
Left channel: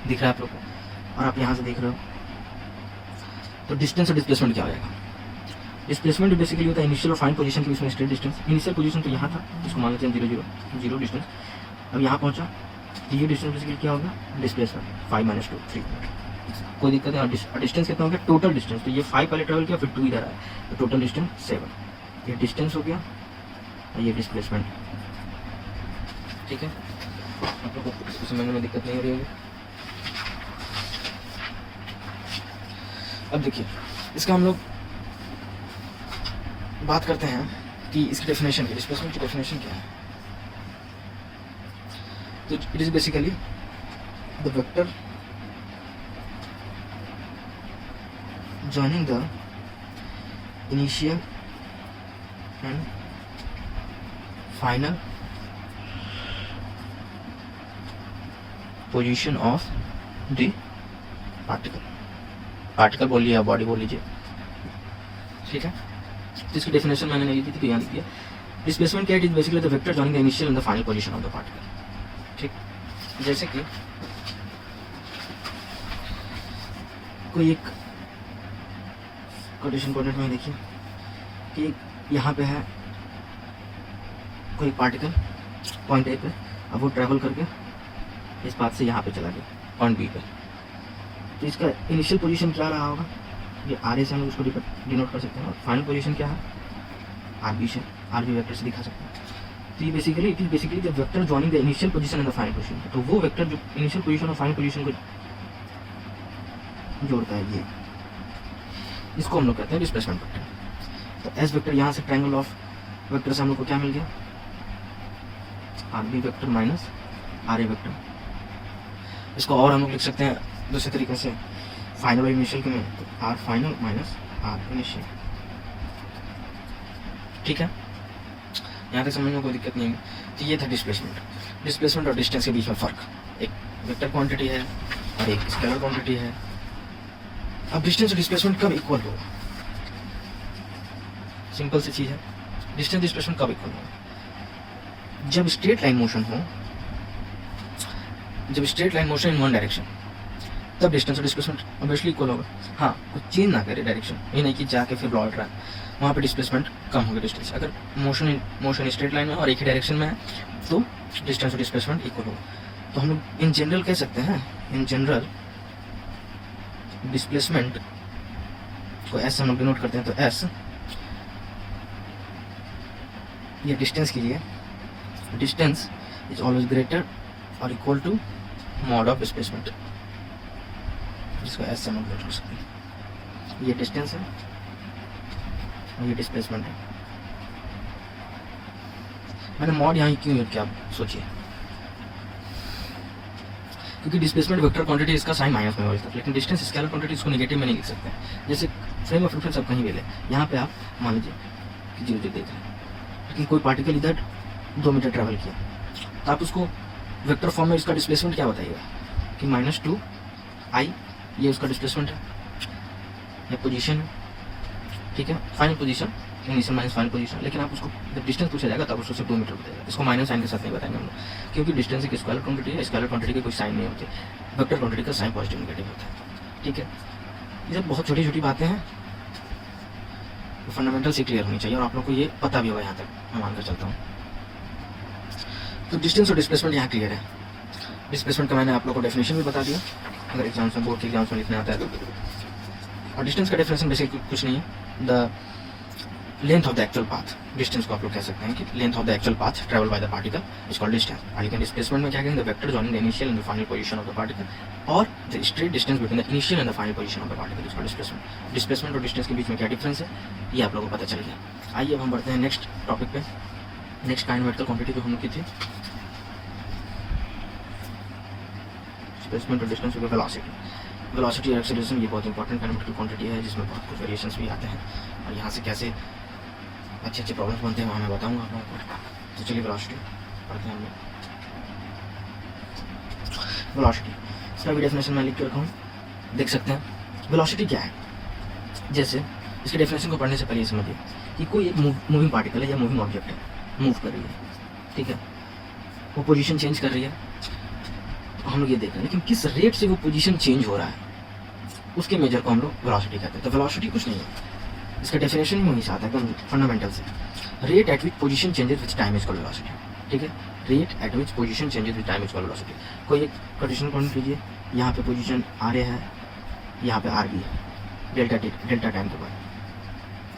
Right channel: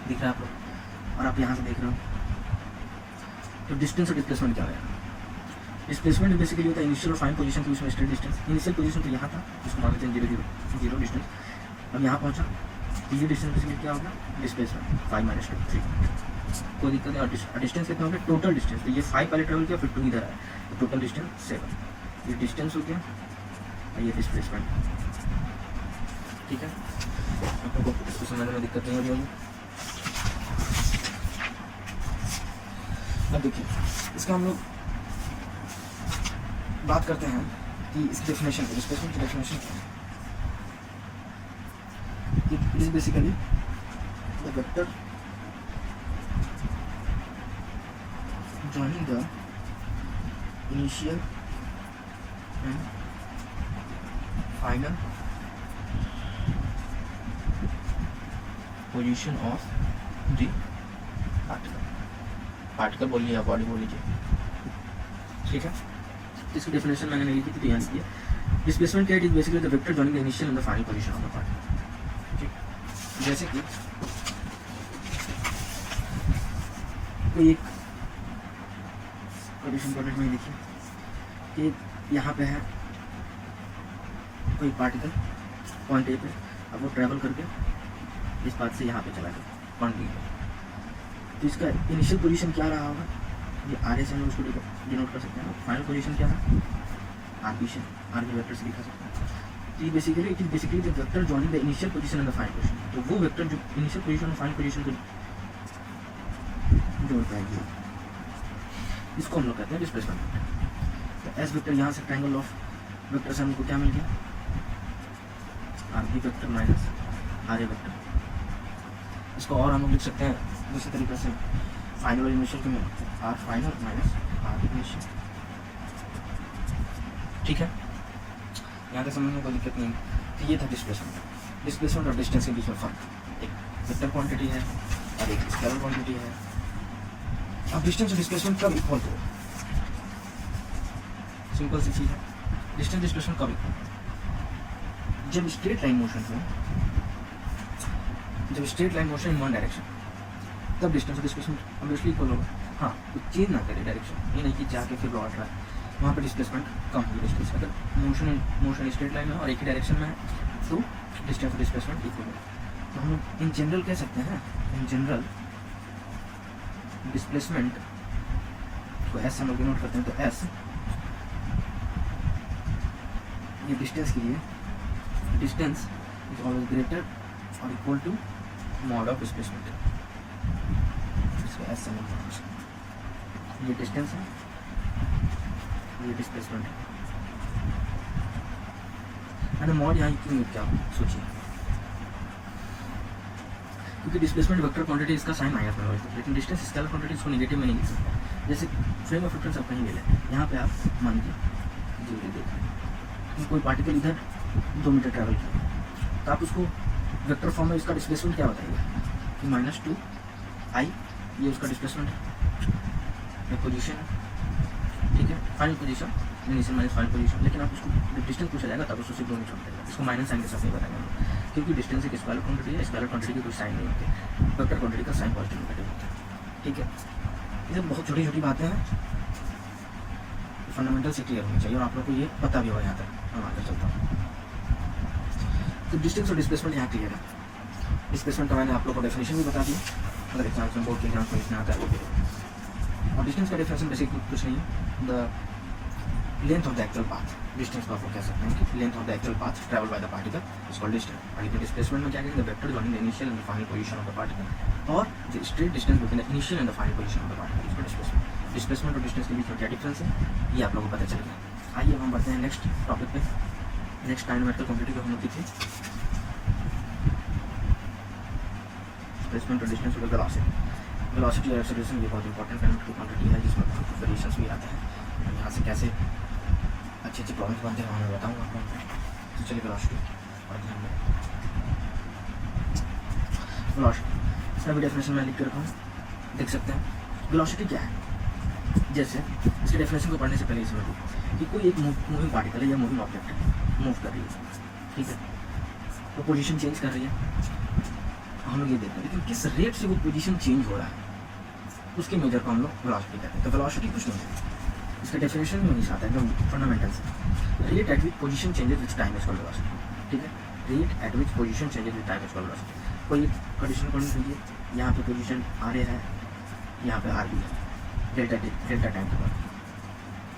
दिख रहा है आप लोग को, और आप यहाँ से देख रहे हो। तो डिस्टेंस और डिस्प्लेसमेंट क्या हो जाएगा। डिस्प्लेसमेंट बेसिकली होता है इनिशियल और फाइनल पोजीशन के बीच में स्ट्रेट डिस्टेंस। इनिशियल पोजीशन तो यहाँ था, उसको मान लेते हैं 0 डिस्टेंस। अब यहाँ पहुँचा, तो ये डिस्टेंस बेसिकली क्या होगा, डिस्प्लेसमेंट 5 - 2 3। कोई दिक्कत है। और डिस्टेंस कितना हो गया, टोटल डिस्टेंस। तो ये 5 पहले ट्रेवल किया, फिर 2 इधर आया, तो टोटल डिस्टेंस 7। ये डिस्टेंस हो गया और ये डिस्प्लेसमेंट। ठीक है, आप लोगों को इसको समझने में दिक्कत नहीं हो रही होगी। अब देखिए, इसका हम लोग बात करते हैं कि इसकी डेफिनेशन की, डिस्प्लेसमेंट की डेफिनेशन क्या है। तो it is basically the vector joining the initial and final position of the particle बोलिए या बॉडी बोल लीजिए। ठीक है, इसकी डेफिनेशन मैंने नहीं लिखी थी, तो यहाँ लिखी है। डिस्प्लेसमेंट क्या है, it is basically the vector joining the initial and the final position of the particle. ठीक, जैसे कि कोई एक कोटेशन कोऑर्डिनेट में देखिए कि यहाँ पे है कोई पार्टिकल पॉइंट ए पे, अब वो ट्रैवल करके इस बात से यहाँ पे चला गया पॉइंट बी पे, तो इसका इनिशियल पोजीशन क्या रहा होगा, ये आर ए से हम उसको डिनोट कर सकते हैं, और फाइनल पोजीशन क्या है आर बी से, आर बी वेक्टर से दिखा सकते हैं। तो ये basically it is basically the vector joining the initial position and the final position, तो वो वेक्टर जो इनिशियल पोजीशन और फाइनल पोजीशन को जोड़ता है, ये इसको हम लोग कहते हैं डिस्प्लेसमेंट वेक्टर। तो एस वेक्टर यहाँ से ट्रायंगल ऑफ वेक्टर से हम लोग को क्या मिल गया, r b vector minus are a vector. इसको और हम लोग लिख सकते हैं दूसरे तरीके से, फाइनल और इनिशियल के में R final minus R initial. ठीक है, यहाँ तक समझने में कोई दिक्कत नहीं है। तो ये था डिस्प्लेसमेंट और डिस्टेंस के बीच में फ़र्क, एक वेक्टर क्वांटिटी है और एक स्केलर क्वांटिटी है। अब डिस्टेंस और डिस्प्लेसमेंट कब इक्वल होगा, सिंपल सी चीज़ है, डिस्टेंस डिस्प्लेसमेंट कब इक्वल होगा, जब स्ट्रेट लाइन मोशन हो, जब straight line motion in one direction, तब डिस्टेंस और डिस्प्लेसमेंट ऑब्वियसली इक्वल होगा। हाँ, कुछ चेंज ना करे डायरेक्शन, ये नहीं कि जाके फिर लौट रहा है, वहाँ पे डिस्प्लेसमेंट कम होगी डिस्टेंस। अगर मोशन स्ट्रेट लाइन में और एक ही डायरेक्शन में है तो डिस्टेंस और डिस्प्लेसमेंट इक्वल होगा। तो हम लोग इन जनरल कह सकते हैं, इन जनरल डिस्प्लेसमेंट को एस हम लोग डिनोट करते हैं, तो एस ये डिस्टेंस के लिए, डिस्टेंस इज ऑलवेज ग्रेटर और equal to mod of displacement, इसको एस से हम लोग कर सकते हैं। ये डिस्टेंस है और ये डिस्प्लेसमेंट है। मैंने मॉड यहाँ क्यों यूज किया आप सोचिए, क्योंकि डिस्प्लेसमेंट वेक्टर क्वांटिटी इसका साइन माइनस में होता है, लेकिन डिस्टेंस स्केलर क्वांटिटी इसको नेगेटिव में नहीं लिख सकते। जैसे फ्रेम ऑफ रेफरेंस आप कहीं भी ले, यहाँ पे आप मान लीजिए कि जी देख रहे हैं कि कोई पार्टिकल इधर 2 मीटर ट्रैवल किया, तो आप उसको वेक्टर फॉर्म में इसका डिस्प्लेसमेंट क्या बताइएगा कि -2i, ये उसका डिस्प्लेसमेंट है, ये पोजीशन है। ठीक है, final position initial minus final position, लेकिन आप उसको डिस्टेंस पूछा जाएगा तब उसको सिर्फ 2 मीटर बताएगा, इसको माइनस साइन के साथ नहीं बताएंगे हम लोग, क्योंकि डिस्टेंस एक स्केलर क्वांटिटी है, स्केलर क्वांटिटी के कोई साइन नहीं होते, वेक्टर क्वांटिटी का साइन पॉजिटिव नेगेटिव होता है। ठीक है, ये सब बहुत छोटी छोटी बातें हैं, फंडामेंटल से क्लियर होनी चाहिए और आप लोग को ये पता भी होगा, यहाँ तक मैं मानकर चलता हूँ। तो डिस्टेंस और डिस्प्लेसमेंट यहाँ क्लियर है। डिस्प्लेसमेंट का मैंने आप लोग को डेफिनेशन भी बता दिया, अगर एग्जाम्स में बोर्ड के एग्जाम्स में लिखना आता है तो। और डिस्टेंस का डेफिनेशन बेसिकली कुछ नहीं है, the length of the actual path, distance को आप लोग कह सकते हैं कि length of the actual path travel by the particle is called distance. लेकिन डिस्प्लेसमेंट में क्या कहेंगे, the vector joining the initial and the final position of the particle, और the straight distance between the initial and the final position of the particle is called displacement. Displacement और distance के बीच में क्या difference है, ये आप लोगों को पता चल गया। आइए अब हम बढ़ते हैं नेक्स्ट टॉपिक पे, नेक्स्ट काइनेमेटिकल क्वांटिटी जो हम लोग की थी, डिस्प्लेसमेंट और डिस्टेंस और वेलोसिटी। वेलोसिटी और एक्सेलरेशन ये बहुत इंपॉर्टेंट काइनेमेटिकल क्वांटिटी है, जिसमें बहुत कुछ वेरिएशंस भी आते हैं, और यहाँ से कैसे अच्छे अच्छे प्रॉब्लम्स बनते हैं वहाँ मैं बताऊँगा आप लोगों को। तो चलिए वेलोसिटी पढ़ते हैं हम लोग। वेलोसिटी, इसका भी डेफिनेशन मैं लिख कर रखा हूँ, देख सकते हैं। वेलोसिटी क्या है, जैसे इसके डेफिनेशन को पढ़ने से पहले समझिए कि कोई एक मूविंग पार्टिकल है या मूविंग ऑब्जेक्ट है, मूव कर रही है, ठीक है, वो पोजीशन चेंज कर रही है, तो हम लोग ये देख रहे हैं, लेकिन किस रेट से वो पोजीशन चेंज हो रहा है उसके मेजर को हम लोग वेलोसिटी कहते हैं। तो वेलोसिटी कुछ नहीं है, इसका डेफिनेशन ही वहीं से आता है एकदम फंडामेंटल से, rate at which position changes which time is called velocity. ठीक है, rate at which position changes which time is called velocity. कोई एक कंडीशन कॉल लीजिए, यहाँ पे पोजीशन आर ए है, यहाँ पे आर बी है, डेल्टा टाइम के बाद,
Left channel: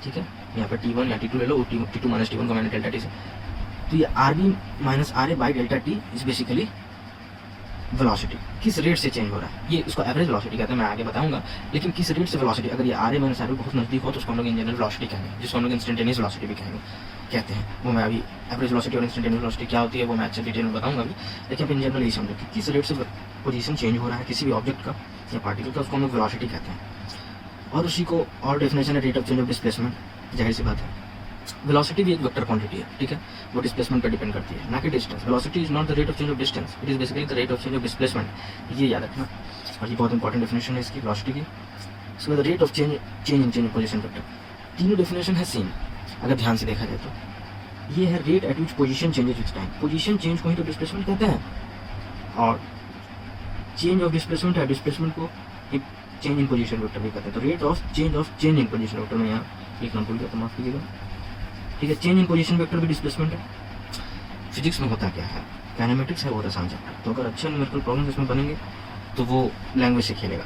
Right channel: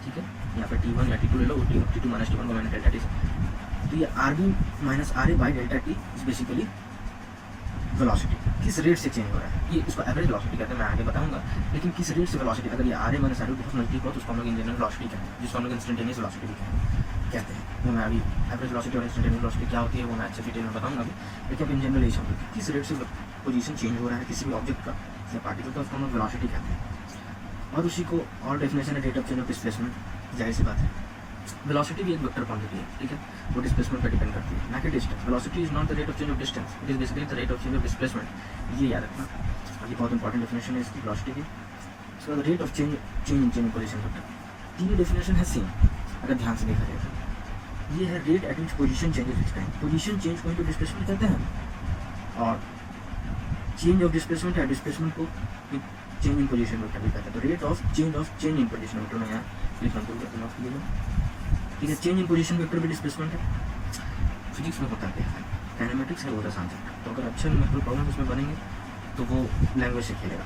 ठीक है, यहाँ पे T1 या T2 ले लो, T2 माइनस T1 को मैंने डेल्टा टी से, तो ये R B minus are A by delta T is basically velocity, किस रेट से चेंज हो रहा है, ये इसको एवरेज वेलोसिटी कहते हैं, मैं आगे बताऊंगा। लेकिन किस रेट से वेलोसिटी, अगर ये आर ए माइनस आर बहुत नजदीक हो तो उसको हम लोग इन जनरल वेलोसिटी कहेंगे, जिसको हम लोग इंस्टेंटेनियस वेलोसिटी भी कहते हैं। वो मैं अभी एवरेज वेलोसिटी और इंस्टेंटेनियस वेलोसिटी क्या होती है वो मैं अच्छे डिटेल में बताऊंगा अभी, लेकिन इन जनरल यही समझो कि किस रेट से पोजीशन चेंज हो रहा है किसी भी ऑब्जेक्ट का या पार्टिकल का, उसको हम लोग वेलोसिटी कहते हैं। और उसी को और डेफिनेशन है rate of change of displacement, जाहिर सी बात है। वेलोसिटी भी एक वेक्टर क्वांटिटी है, ठीक है, वो डिस्प्लेसमेंट पर डिपेंड करती है, ना कि distance. Velocity is not the rate of change of distance, it is basically the rate of change of displacement, ये याद रखना। और ये बहुत इंपॉर्टेंट डेफिनेशन है इसकी वेलोसिटी की। So the rate of change in change of position factor, तीनों डेफिनेशन है सेम अगर ध्यान से देखा जाए तो। ये है rate at which position changes which time, position change को ही तो डिस्प्लेसमेंट कहते हैं, और चेंज ऑफ डिस्प्लेसमेंट है, डिस्प्लेसमेंट को चेंज इन पोजीशन वेक्टर भी कहते हैं। तो rate of change in position vector में यहाँ लिखना भूल गया तो माफ कीजिएगा, ठीक है। चेंज इन पोजीशन वेक्टर भी डिस्प्लेसमेंट है। फिजिक्स में होता क्या है, काइनेमेटिक्स है वो होता है आसान चैप्टर। तो अगर अच्छे न्यूमेरिकल प्रॉब्लम इसमें बनेंगे तो वो लैंग्वेज से खेलेगा,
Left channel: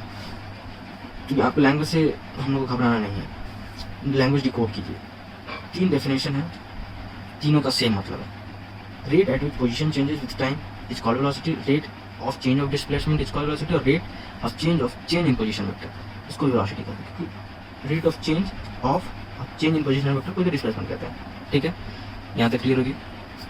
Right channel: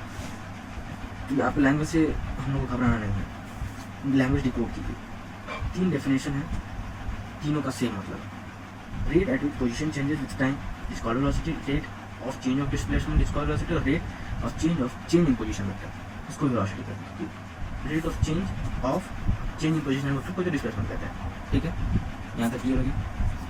क्योंकि आपको लैंग्वेज से हम लोग को घबराना नहीं है। लैंग्वेज डिकोड कीजिए, 3 डेफिनेशन है, तीनों का सेम मतलब है। Rate at which position changes with time is called velocity, rate of change of displacement is called velocity, और rate of change in position vector इसको वेलोसिटी कहते हैं। Rate of change in position vector को displacement कहते हैं। ठीक है, यहाँ तक क्लियर होगी।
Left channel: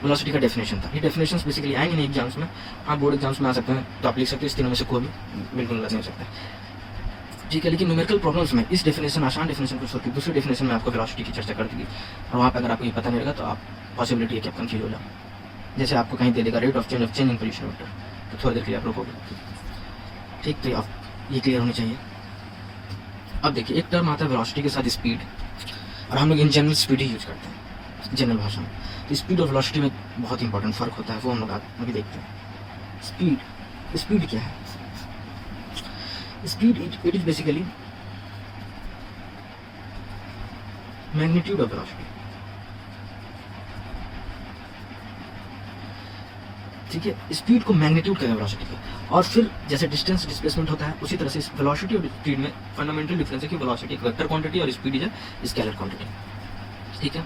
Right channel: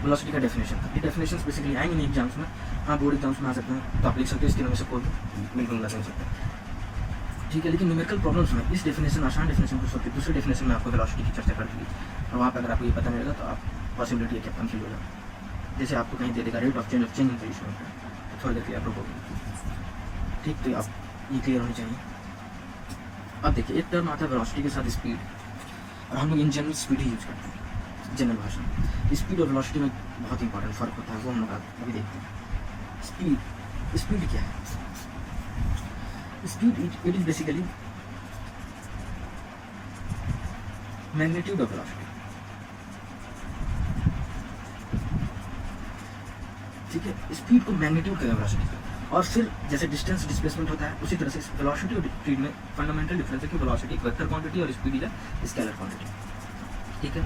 वेलोसिटी का डेफिनेशन था। ये डेफिनेशंस बेसिकली आएंगे नहीं एग्जाम्स में, आप बोर्ड एग्जाम्स में आ सकते हैं तो आप लिख सकते हैं, इस तीनों में से कोई भी बिल्कुल गलत नहीं हो सकता। ठीक है, लेकिन न्यूमेरिकल प्रॉब्लम्स में इस डेफिनेशन, आसान डेफिनेशन को छोड़ के दूसरी डेफिनेशन में आपको वेलोसिटी की चर्चा कर दी, और वहाँ पर अगर आपको ये पता नहीं रहेगा तो आप पॉसिबिलिटी है कि आप कंफ्यूज हो जाओ। जैसे आपको कहीं दे देगा rate of change in position vector, तो थोड़ी देर के लिए आप रोकोगे। ठीक, तो आप ये क्लियर होनी चाहिए। अब देखिए, एक टर्म आता है वेलोसिटी के साथ स्पीड, और हम लोग in general speed he use करते हैं जनरल भाषा में। तो स्पीड और वेलोसिटी में बहुत इंपॉर्टेंट फर्क होता है, वो हम लोग अभी देखते हैं। स्पीड क्या है? Speed it is basically magnitude of velocity. ठीक है, स्पीड को मैग्नीट्यूड कहते हैं वेलोसिटी का। और फिर जैसे डिस्टेंस डिस्प्लेसमेंट होता है, उसी तरह से वेलोसिटी और स्पीड में फंडामेंटल डिफरेंस है कि वेलोसिटी एक वेक्टर क्वांटिटी और speed is a scalar quantity. ठीक है,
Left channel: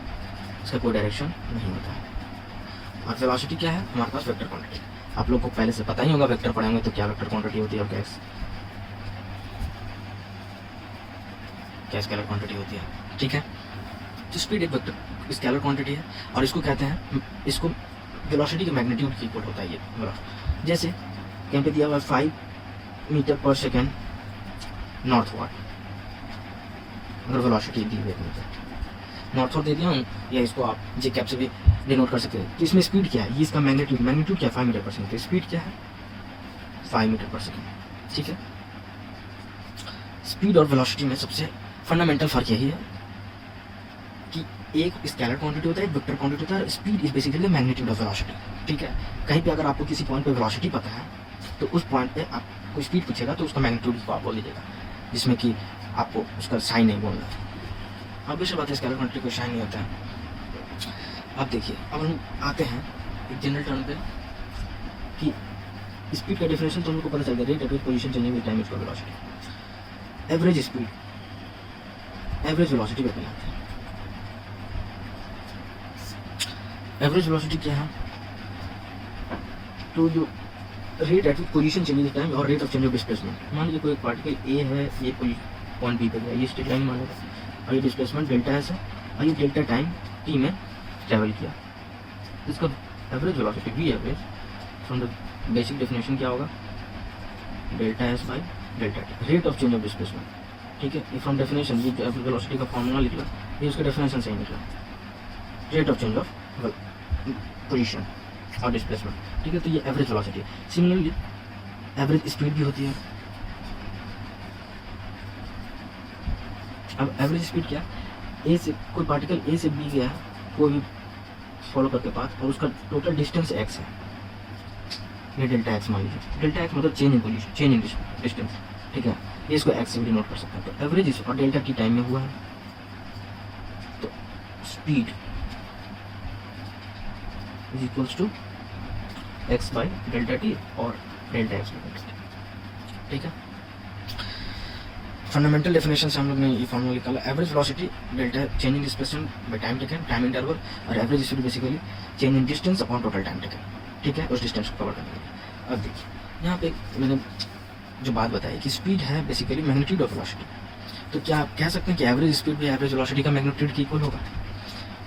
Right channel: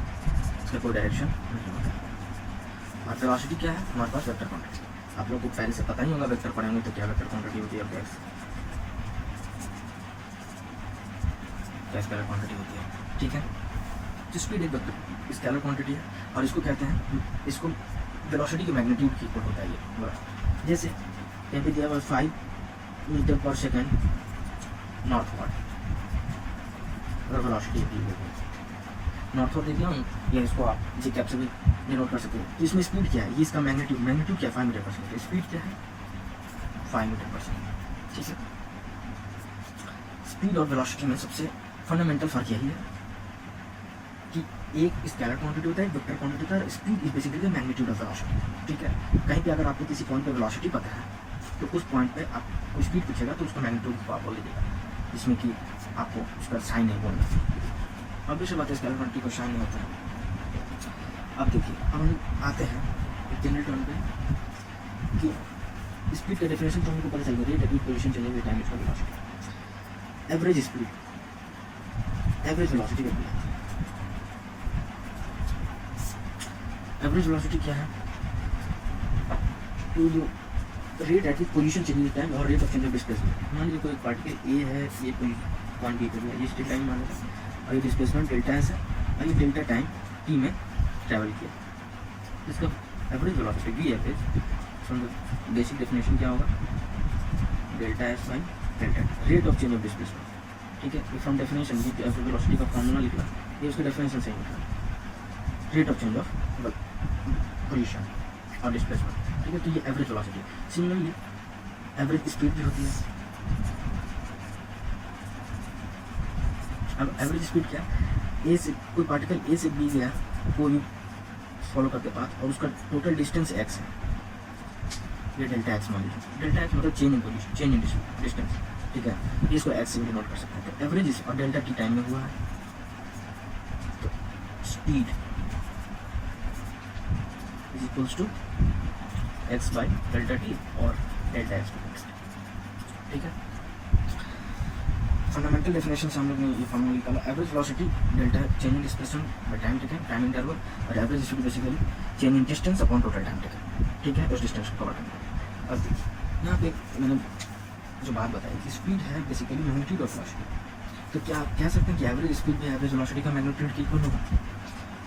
इसका कोई डायरेक्शन नहीं होता है। और वेलोसिटी क्या है? हमारे पास वेक्टर क्वांटिटी। आप लोग को पहले से पता ही होगा, वेक्टर पढ़ेंगे तो क्या वेक्टर क्वांटिटी होती है और क्या स्केलर क्वांटिटी होती है। ठीक है, तो स्पीड एक वेक्टर स्केलर क्वांटिटी है, और इसको कहते हैं, इसको वेलोसिटी के मैग्नीट्यूड की इक्वल होता है ये ग्राफ। जैसे कहीं पे दिया हुआ 5 मीटर पर सेकेंड नॉर्थवर्ड, अगर वेलोसिटी दी हुई है नॉर्थवर्ड दे दिया हूँ, या इसको आप जे कैप से भी डिनोट कर सकते हैं। तो इसमें स्पीड क्या है? ये इसका मैग्नीट्यूड क्या है? 5 मीटर पर सेकेंड। तो स्पीड क्या है? 5 मीटर पर सेकेंड। ठीक है, स्पीड और वेलोसिटी में सबसे फंडामेंटल फर्क यही है कि एक स्केलर क्वांटिटी होता है, एक वेक्टर क्वांटिटी होता है। Speed is basically magnitude of velocity. ठीक है, कहीं पे अगर आपको किसी पॉइंट पे वेलोसिटी पता है तो उस पॉइंट पे आपको स्पीड पूछेगा तो उसका मैग्नीट्यूड को आप बोल दीजिएगा, जिसमें कि आपको उसका साइन नहीं बोलना। अब इस बात है, स्केलर क्वांटिटी को साइन नहीं होता है। अब देखिए, अब हम आते हैं एक जनरल टर्म पे कि स्पीड का डेफिनेशन तो हमको पता चल गया, rate at which position changing with time is called velocity. Average speed, average velocity को कहते हैं। एवरेज वेलोसिटी क्या है? तो जो rate at which position change with time और rate of change of displacement. मान लीजिए कोई एक पार्टिकल ए है, ये कोई पॉइंट बी पर है, ये स्ट्रेट लाइन मान लीजिए, और ये डिस्प्लेसमेंट डेल्टा एस है, और ये डेल्टा टाइम टी में ट्रैवल किया। इसका average velocity V average from the basic definition क्या होगा? Delta S by delta T, rate of change of displacement. ठीक है, फ्रॉम डेफिनेशन ये एवरेज वेलोसिटी का फॉर्मूला निकला, ये उसके डेफिनेशन से ही निकला, rate of change of position और डिस्प्लेसमेंट। ठीक है, तो ये average velocity. Similarly average speed भी होती है। अब एवरेज स्पीड क्या है? ए से कोई पार्टिकल ए से बी गया कोई भी फॉलो करके पाथ, और उसका टोटल डिस्टेंस एक्स है, ये डेल्टा एक्स मान लीजिए। डेल्टा एक्स मतलब change in position, change in distance. ठीक है, ये इसको एक्स से भी नोट कर सकते हैं। तो एवरेज और डेल्टा टी टाइम में हुआ है, तो speed is equals to X by delta T और डेल्टा एक्स बाई एक्स। ठीक है, फंडामेंटल डेफिनेशन से हम लोग ने ये फॉर्मूला निकाला। Average velocity delta change in displacement by time taken, time interval, और average speed basically change in distance upon total time taken. ठीक है, उस डिस्टेंस को कवर करने के लिए। अब देखिए, यहाँ पे मैंने जो बात बताई कि स्पीड है बेसिकली मैग्नीट्यूड ऑफ वेलोसिटी, तो क्या आप कह सकते हैं कि एवरेज स्पीड भी एवरेज वेलोसिटी का मैग्नीट्यूड की इक्वल होगा?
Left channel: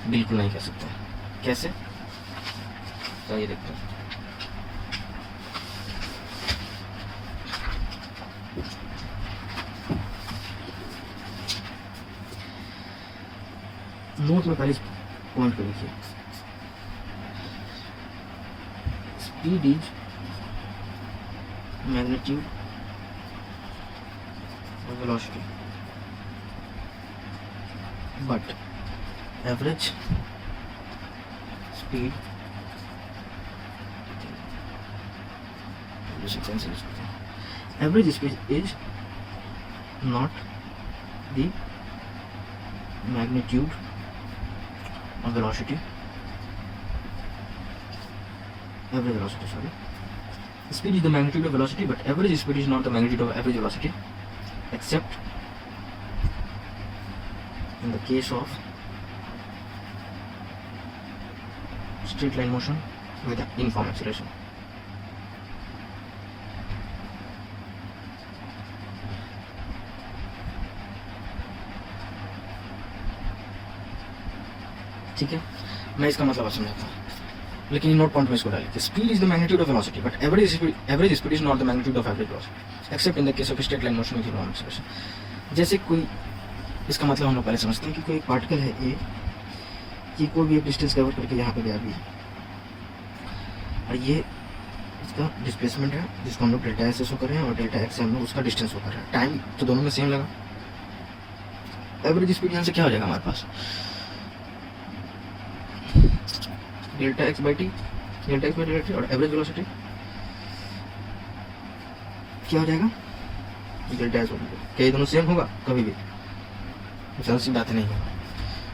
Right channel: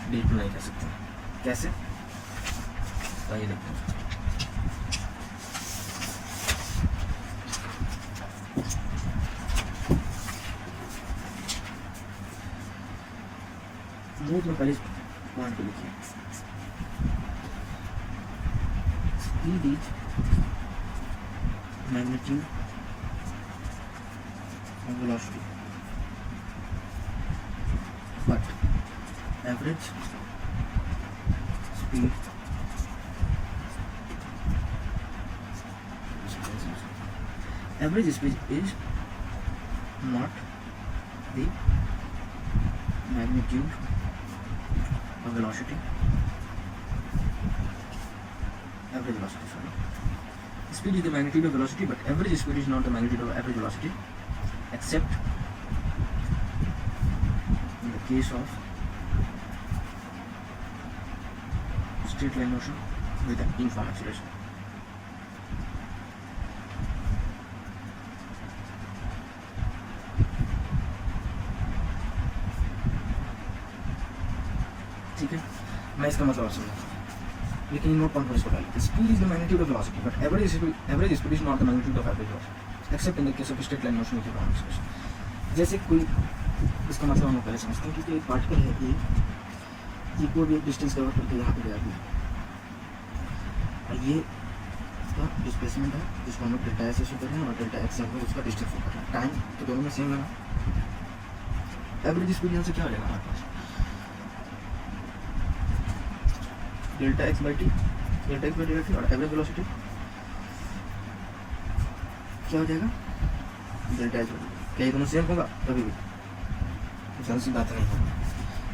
बिल्कुल नहीं कह सकते। कैसे? तो ये देखते हैं। नोट में पहले पॉइंट को लिखिए, speed is magnitude of velocity but average speed average speed is not the magnitude of velocity average velocity, sorry. Speed is the magnitude of velocity, but average speed is not the magnitude of average velocity, except in the case of straight line motion with an uniform acceleration. ठीक है, मैं इसका मतलब समझता हूँ, लेकिन note point में इसको डालें। Speed is the magnitude of velocity, but average speed is not the magnitude of average velocity, accept in the case of straight line motion with uniform acceleration. जैसे कोई, इसका मतलब हम लोग पहले समझते हैं कि कोई एक पार्टिकल है ये कोई भी एक डिस्टेंस कवर करके यहाँ पे गया भी, और ये इसका डिस्प्लेसमेंट है जिसको हम लोग डेल्टा एस शो कर रहे हैं, और डेल्टा एक्स से हम लोग उसका डिस्टेंस शो कर रहे हैं। टाइम तो दोनों में सेम लगा। एवरेज स्पीड यहाँ से क्या हो जाएगा हमारे पास, delta x by t, delta x by delta T, और एवरेज वेलोसिटी क्या हो जाएगा, डेल्टा एस। क्या ये दोनों सेम होगा कभी भी? कुछ ऐसी बात नहीं है।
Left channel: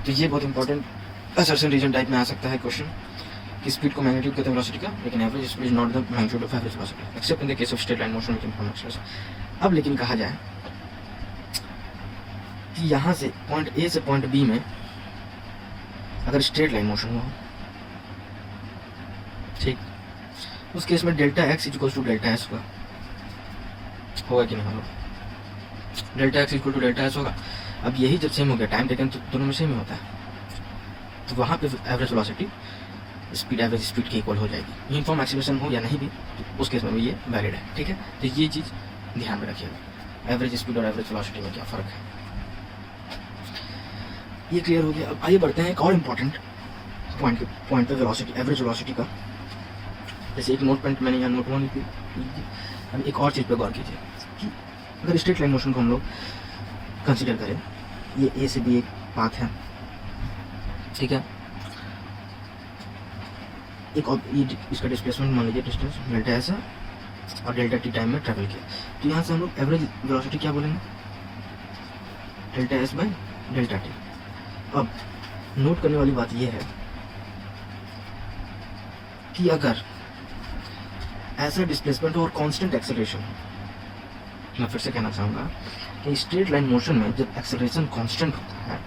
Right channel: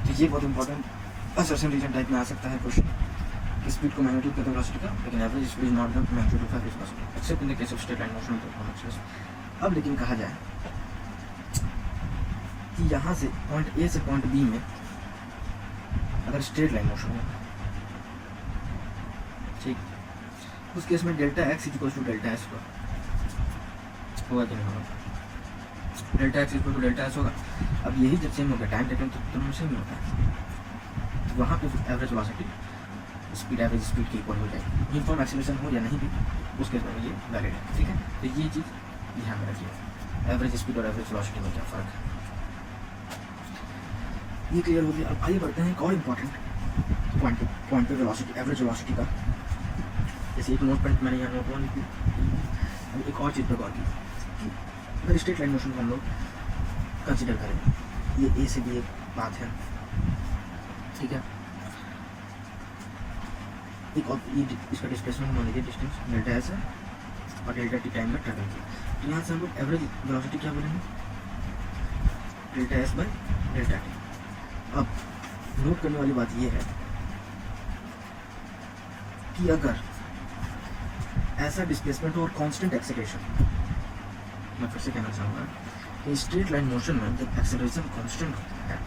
तो ये बहुत इंपॉर्टेंट असर्शन रीजन टाइप में आ सकता है क्वेश्चन कि स्पीड को मैग्नीट्यूड कहते हैं वेलोसिटी का, लेकिन average speed is not the magnitude of average velocity accept in the case of straight line motion with uniform acceleration. अब लेकिन कहा जाए कि यहाँ से पॉइंट ए से पॉइंट बी में अगर स्ट्रेट लाइन मोशन हुआ, ठीक, उस केस में delta X equal to delta S होगा कि नहीं होगा? Delta X equal to delta S होगा। अब यही जब सेम हो गया, टाइम टेकन तो दोनों में सेम ही होता है, तो वहाँ पे average velocity speed average speed के इक्वल हो जाएगी, यूनिफॉर्म एक्सीलरेशन हो या नहीं भी, तो उस केस में भी ये वैलिड है। ठीक है, तो ये चीज़ ध्यान में रखिएगा, एवरेज स्पीड और एवरेज वेलोसिटी में क्या फ़र्क है, ये क्लियर हो गया। अब आइए बढ़ते हैं एक और इम्पॉर्टेंट पॉइंट पे वेलोसिटी, एवरेज वेलोसिटी का। जैसे एक नोट पॉइंट मैंने यहाँ नोट वन की, अब एक और चीज़ पे गौर कीजिए कि अगर स्ट्रेट लाइन मोशन को हम लोग कंसिडर करें, ये ए से बी एक पाथ है, ठीक है, एक और ये इसका डिस्प्लेसमेंट मान लीजिए डिस्टेंस डेल्टा एस है और डेल्टा टी टाइम में ट्रैवल किया, तो यहाँ से हम लोग एवरेज वेलोसिटी क्या बोलेंगे, delta S by delta T. अब नोट करने वाली बात ये है कि अगर ऐसा डिस्प्लेसमेंट और कांस्टेंट एक्सेलरेशन, मैं फिर से कहना चाहूँगा कि स्ट्रेट लाइन मोशन में जब एक्सेलरेशन कांस्टेंट होता है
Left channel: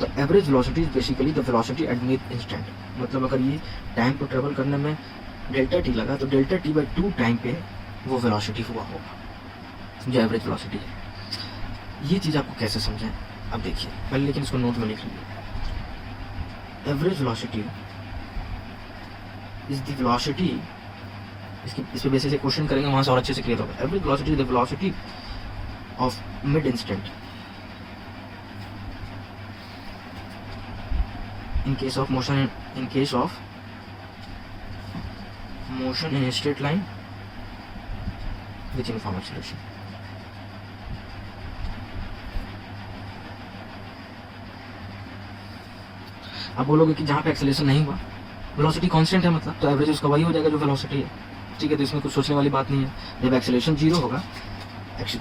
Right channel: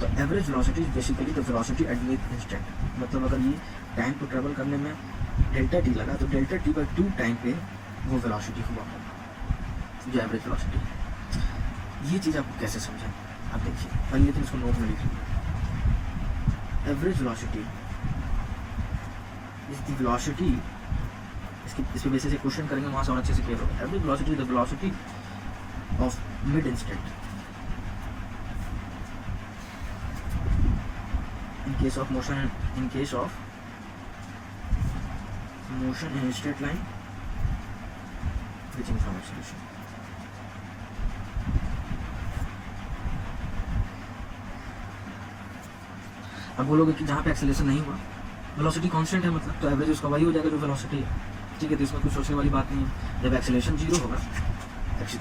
तो average velocity is basically the velocity at mid instant. मतलब अगर ये टाइम को ट्रेवल करने में डेल्टा टी लगा तो डेल्टा टी बाई 2 टाइम पे वो वेलोसिटी हुआ होगा जो एवरेज वेलोसिटी है। ये चीज़ आपको कैसे समझें, अब देखिए पहले, लेकिन इसको नोट में लिख लीजिए। Average velocity is the velocity, इस पे बेसिस से क्वेश्चन करेंगे, वहाँ से और अच्छे से क्लियर होगा। Average velocity is the velocity of mid instant in case of motion in straight line with uniform acceleration। अब बोलोगे कि जहाँ पे एक्सेलरेशन नहीं हुआ, वेलोसिटी कांस्टेंट है, मतलब तो एवरेज उसका वही हो जाएगा जो वेलोसिटी है। ठीक है, तो इसमें कुछ सोचने वाली बात नहीं है। जब एक्सेलरेशन जीरो होगा,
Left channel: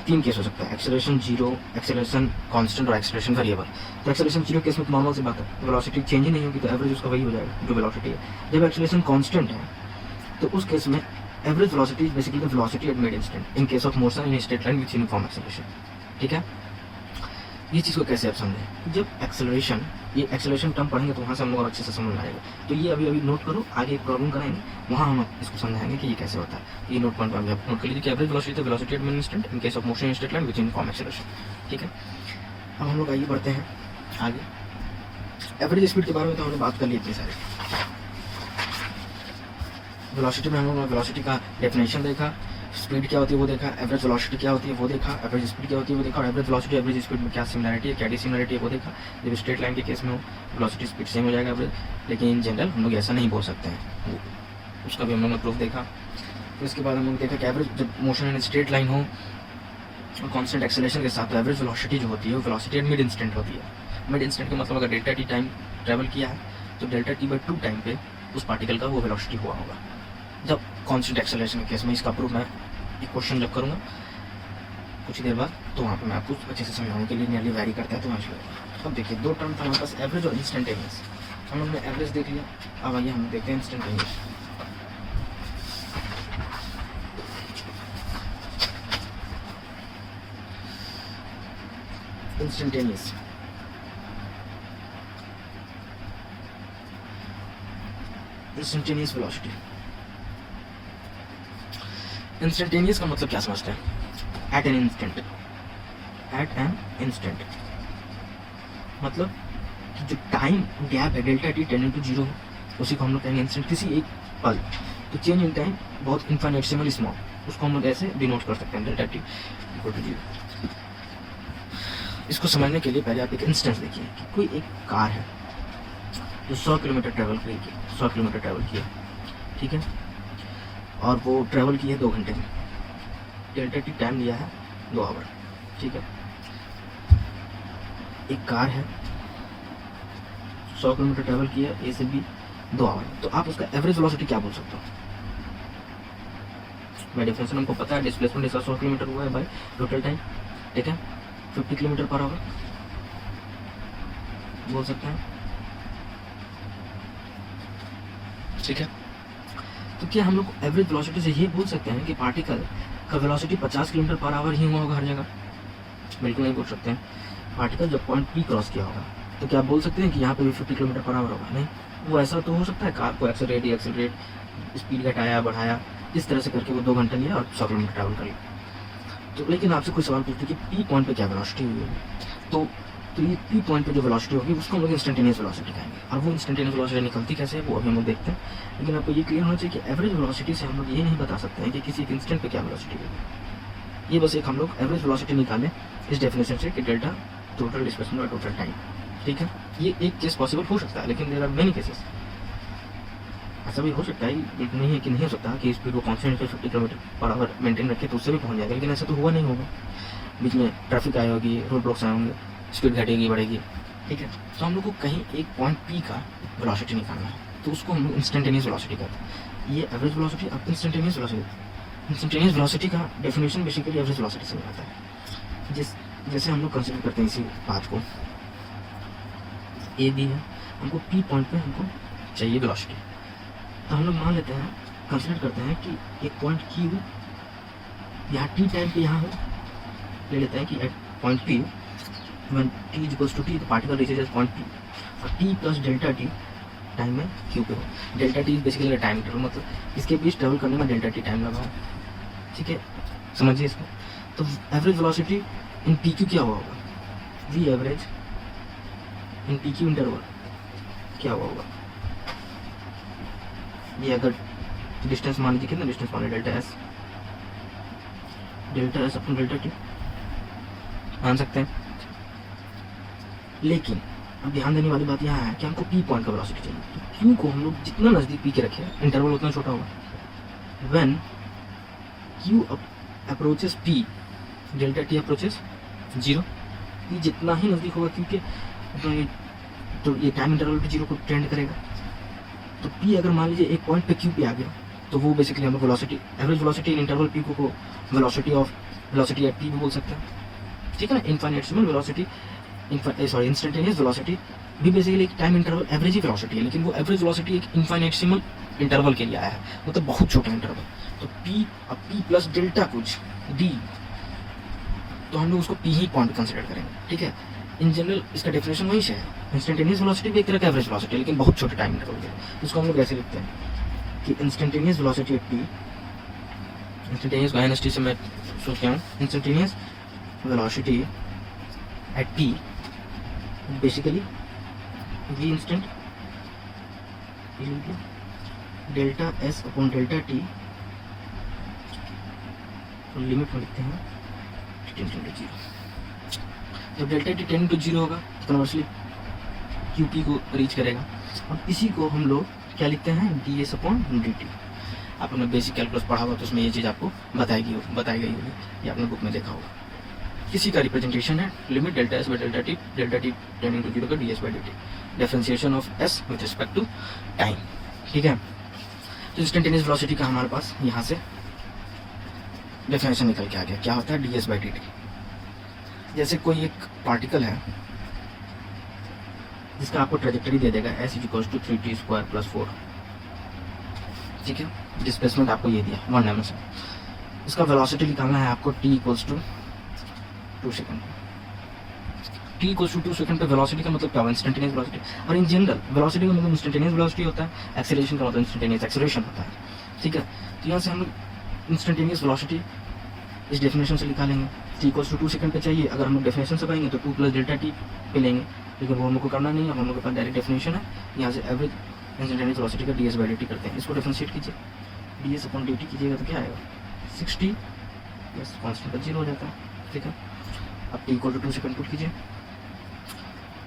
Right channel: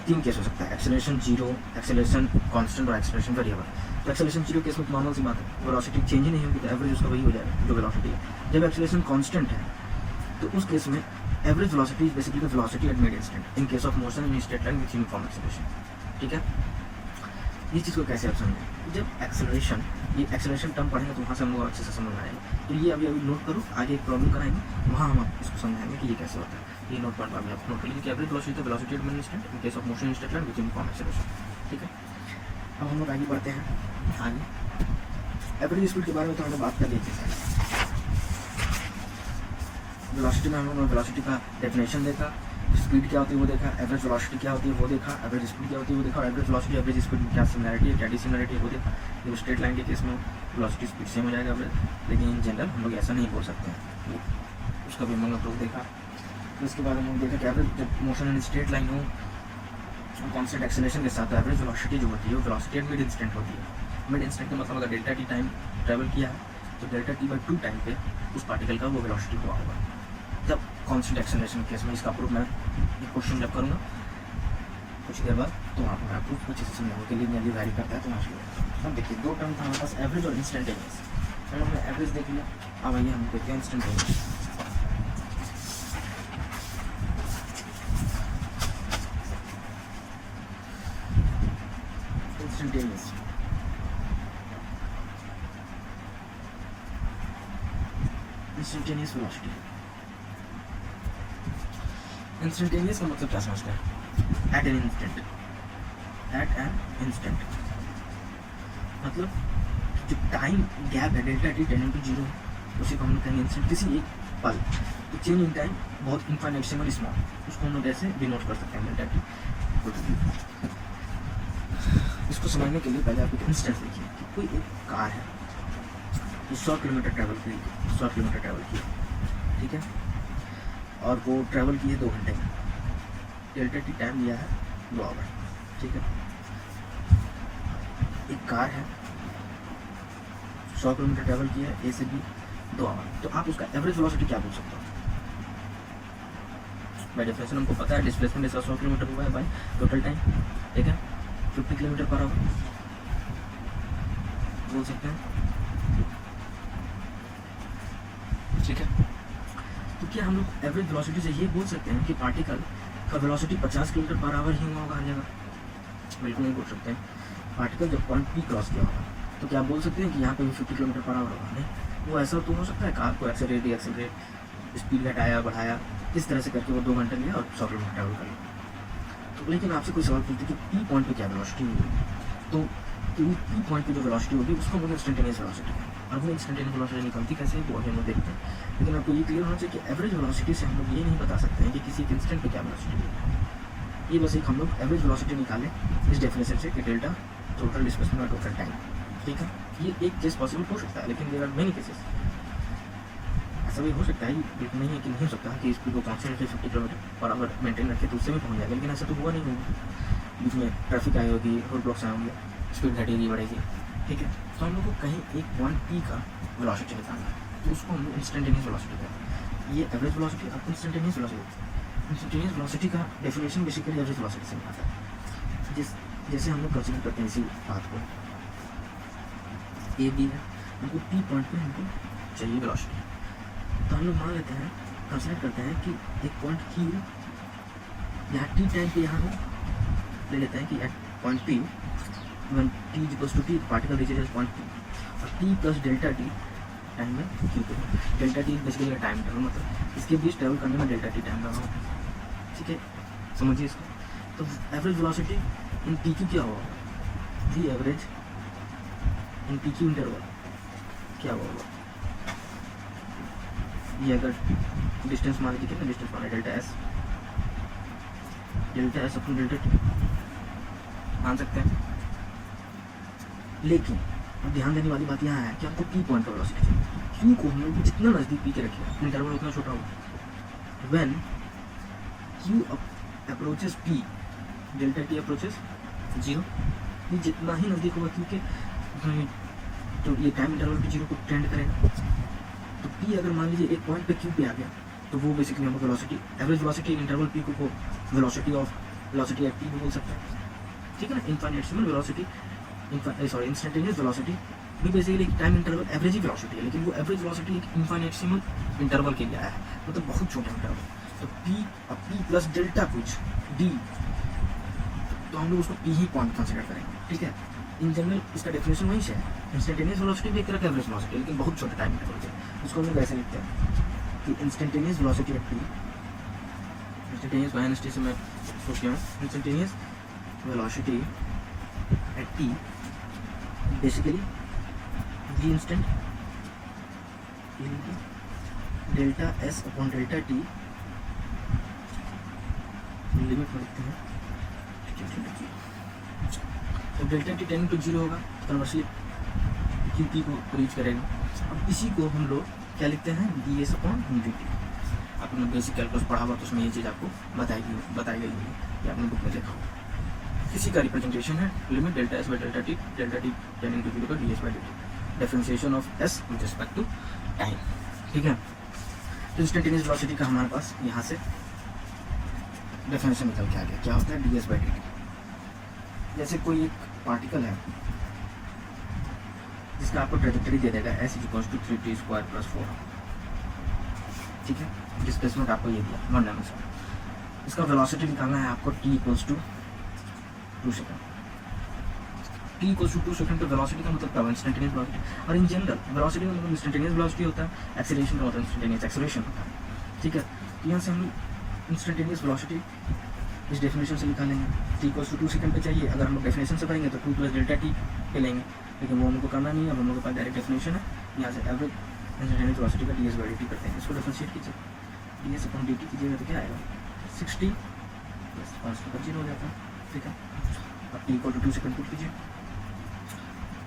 तीन केस हो सकता है, एक्सेलरेशन जीरो, एक्सेलरेशन कांस्टेंट और एक्सेलरेशन वेरिएबल। तो एक्सेलरेशन जीरो केस में तो नॉर्मल सी बात है, वेलोसिटी चेंज ही नहीं होगी, तो एवरेज उसका वही हो जाएगा जो वेलोसिटी है। जब एक्सेलरेशन कांस्टेंट है तो उस केस में average velocity is basically the velocity at mid instant in case of motion in straight line with uniform acceleration. ठीक है, ये चीज़ को कैसे आप समझें, जब एक्सेलरेशन, ये एक्सेलरेशन टर्म पढ़ेंगे तो वहाँ से हम लोग और अच्छे से समझ आएगा। तो ये अभी नोट करो, आगे एक प्रॉब्लम कराएंगे वहाँ हम इसको समझाएंगे कि ये कैसे होता है। ये नोट पॉइंट आप नोट कर लीजिए कि average velocity the velocity at mid instant in case of motion in straight line with uniform acceleration. ठीक है, अब हम लोग आइए बढ़ते हैं आगे। एवरेज स्पीड के बारे में तो हमने बात कर ली इतनी सारी। वेलोसिटी में हम लोग वेलोसिटी का डेफिनेशन देखा, स्पीड क्या होती है वो देखा, एवरेज वेलोसिटी क्या होती है वो देखा, एवरेज स्पीड क्या होती है वो देखा, और एवरेज वेलोसिटी एवरेज स्पीड में क्या सिमिलरिटी है, क्या डिसिमिलरिटी है वो देखा। जब स्ट्रेट लाइन के केस में वेलोसिटी स्पीड सेम हो जाएगा एवरेज, लेकिन इन जनरल हम लोग ऐसा नहीं बोल सकते हैं, उसका भी हम लोग ने प्रूफ देखा। तो इसके बाद हम लोग देखा कि एवरेज जब मोशन इन स्ट्रेट लाइन हो और कांस्टेंट एक्सेलरेशन के साथ, तो एवरेज वेलोसिटी जो होती है वो वेलोसिटी एट मिड इंस्टेंट होती है। मिड इंस्टेंट का मतलब अगर डेल्टा टी टाइम ट्रेवल किया है तो डेल्टा टी बाई 2 टाइम पे उस पार्टिकल का वो वेलोसिटी हुआ होगा। जब कांस्टेंट एक्सेलरेशन के केस में, इसका प्रूफ मैं एक क्वेश्चन जब करूँगा कुछ देर बाद, तो वहाँ पर मैं आपको अच्छे से समझाने के लिए नियरली वैरी करता है। तो वहाँ अब देखिए 2 टर्म था हमारे पास, एवरेज और इंस्टेंटेनियस। हमने एवरेज देख लिया, अब आइए हम देखते हैं इंस्टेंटेनियस। Instantaneous velocity. इंस्टेंटेनियस का मतलब क्या समझते हैं? एट एन इंस्टेंट मतलब कि जो टाइम गैप है delta T tending to zero है, उसी को हम लोग कहेंगे इंस्टेंट। किसी एक पल तो चेंज इन टाइम बहुत इन्फाइनेटसिमली स्मॉल, उसको हम लोग ऐसे भी नोट कर सकते हैं delta T equal to zero. इसको समझने के लिए पहले आप एक इंस्टेंस देखिए कि कोई एक कार है जो 100 किलोमीटर ट्रैवल किया, ठीक है, और वो ट्रैवल किया 2 घंटे में, डेल्टा टी टाइम दिया है 2 आवर, ठीक है। एक कार है 100 किलोमीटर ट्रैवल किया है ए से बी 2 आवर, तो आप उसका एवरेज वेलोसिटी क्या बोल सकते हो? बाय डेफिनेशन हमको पता है डिस्प्लेसमेंट इसका 100 किलोमीटर हुआ है बाय टोटल टाइम, ठीक है, 50 किलोमीटर पर आवर बोल सकते हैं, ठीक है। तो क्या हम लोग एवरेज वेलोसिटी से ये बोल सकते हैं कि पार्टिकल का वेलोसिटी 50 किलोमीटर पर आवर ही हुआ होगा हर जगह? बिल्कुल नहीं बोल सकते हैं। पार्टिकल जब पॉइंट पी क्रॉस किया होगा तो क्या आप बोल सकते हैं कि यहाँ पे भी 50 किलोमीटर पर आवर होगा? नहीं, वो ऐसा तो हो सकता है कार को एक्सेलरेट स्पीड घटाया बढ़ाया, इस तरह से करके वो 2 घंटे लिया और 100 किलोमीटर ट्रैवल कर लिया। तो लेकिन आपसे कोई सवाल पूछते कि पी पॉइंट पे क्या वेलोसिटी हुई, तो ये पी पॉइंट पे जो वेलोसिटी होगी उसको हम लोग इंस्टेंटेनियस वेलोसिटी कहेंगे। और वो इंस्टेंटेनियस वेलोसिटी निकलती कैसे है वो अभी हम लोग देखते हैं, लेकिन आपको ये क्लियर होना चाहिए कि एवरेज वेलोसिटी से हम लोग ये नहीं बता सकते हैं कि किसी एक इंस्टेंट पे क्या वेलोसिटी है। ये बस एक हम लोग एवरेज वेलोसिटी निकालें इस डेफिनेशन से कि delta total displacement by total time, ठीक है। ये एक केस पॉसिबल हो सकता है, लेकिन देयर आर मेनी केसेस। ऐसा भी हो सकता है, बिल्कुल नहीं है कि नहीं हो सकता कि स्पीड को कॉन्स्टेंट पे 50 किलोमीटर पर आवर मेंटेन रखे तो उससे भी पहुंच जाएगा, लेकिन ऐसा तो हुआ नहीं होगा। बीच में ट्रैफिक आई होगी, रोड ब्लॉक्स आए होंगे, स्पीड घटेगी बढ़ेगी, ठीक है। तो हम लोग को कहीं एक पॉइंट पी का वेलोसिटी निकालना है, तो उसको हम लोग इंस्टेंटेनियस वेलोसिटी कहते हैं। ये एवरेज वेलोसिटी अब इंस्टेंटेनियस वेलोसिटी का डेफिनेशन बेसिकली एवरेज वेलोसिटी से आता है। जैसे हम लोग कंसिडर करते हैं इसी बात को, ए बी है, हमको पी पॉइंट पे हमको चाहिए वेलोसिटी, तो हम लोग मान लेते हैं, कंसिडर करते हैं कि एक पॉइंट क्यू यहाँ टी टाइम पे यहाँ हो, ले लेते हैं कि at point P when t equals to t the particle reaches at point p और t plus delta t time में q पे हो। Delta T basically time interval, मतलब इसके बीच ट्रैवल करने में डेल्टा टी टाइम लगा हो, ठीक है, समझिए इसको। तो average velocity in P Q क्या हुआ होगा? V average in P Q interval क्या हुआ होगा? ये अगर डिस्टेंस मान लीजिए, कितना डिस्टेंस माने, डेल्टा एस अपन डेल्टा टी मान सकते हैं। लेकिन ध्यान देने वाली बात यहाँ है कि हमको पी पॉइंट का वेलोसिटी चाहिए। क्यू को हम लोग जितना नज़दीक पी के रखे इंटरवल उतना छोटा होगा। When Q approaches P, delta T approaches 0, P जितना ही नज़दीक होगा क्योंकि तो ये टाइम इंटरवल पे 0 को टेंड करेगा। तो पी अगर मान लीजिए एक पॉइंट पे क्यू पे आ गया तो वो बेसिकली हम लोग वेलोसिटी, एवरेज वेलोसिटी इन इंटरवल पी को वेलोसिटी एट पी भी बोल सकते हैं, ठीक है ना। इनफाइनेटसिमल वेलोसिटी, इंस्टेंटेनियस वेलोसिटी भी बेसिकली टाइम इंटरवल एवरेज ही वेलोसिटी है, लेकिन वो एवरेज वेलोसिटी एक इनफाइनेटसिमल इंटरवल के लिए आया है, मतलब बहुत छोटा इंटरवल। तो पी और पी प्लस डेल्टा कुछ डी, तो हम लोग उसको पी ही पॉइंट कंसिडर करेंगे, ठीक है। इन जनरल इसका डेफिनेशन वही से है, इंस्टेंटेनियस वेलोसिटी भी एक तरह का एवरेज वेलोसिटी, लेकिन बहुत छोटे टाइम इंटरवल के लिए। इसको हम लोग ऐसे लिखते हैं कि instantaneous velocity at P, instantaneous को एनएसटी से मैं सोच रहा हूँ, instantaneous velocity at P basically v instant delta S upon delta T, limit में लिखते हैं 10 to 0। जब डेल्टा टी 10 to 0 होगा तो कन्वर्सली क्यू पी को रीच करेगा। अब इसी को हम लोग क्या लिखते हैं, D S upon D T. आपने बेसिक कैलकुलस पढ़ा होगा तो उसमें ये चीज़ आपको बताई गई होगी, ये आपने बुक में देखा होगा। किसी का रिप्रेजेंटेशन है limit delta S by delta T tending to 0 का D S by D T, differentiation of S with respect to time, ठीक है। तो इंस्टेंटेनियस वेलोसिटी का हमारे पास यहाँ से डेफिनेशन निकल के आ गया, क्या होता है D S by D T. जैसे कोई एक पार्टिकल है जिसका आपको ट्रेजेक्टरी दे देगा एस इक्वल्स टू 3t² + 4, ठीक है। डिस्प्लेसमेंट आपको ये दिया 1 डायमेंशन, इसका वेलोसिटी निकालना है आपको t equals to 2 second. t equals to 2 second पे वेलोसिटी का मतलब क्या होगा, इंस्टेंटेनियस वेलोसिटी। और इन जनरल वेलोसिटी का मतलब इंस्टेंटेनियस वेलोसिटी होता है, एक्सेलरेशन का मतलब इंस्टेंटेनियस एक्सेलरेशन होता है, ठीक है। तो यहाँ से हम लोग इंस्टेंटेनियस वेलोसिटी इस डेफिनेशन से निकालेंगे, t इक्वल्स टू 2 सेकंड पे चाहिए। अगर हम लोग डेफिनेशन से पाएंगे तो 2 प्लस डेल्टा टी पे लेंगे, लेकिन वो हम लोग को करना नहीं है, हम लोग के पास डायरेक्ट डेफिनेशन है। यहाँ से एवरेज इंस्टेंटेनियस वेलोसिटी का ds बाई dt करते हैं, इसको डिफरेंशिएट कीजिए, ds अपॉन dt कीजिएगा तो क्या आएगा 60, यस कांस्टेंट पर 0 हो जाता है, ठीक है। अब t equal to 2 second put कीजिए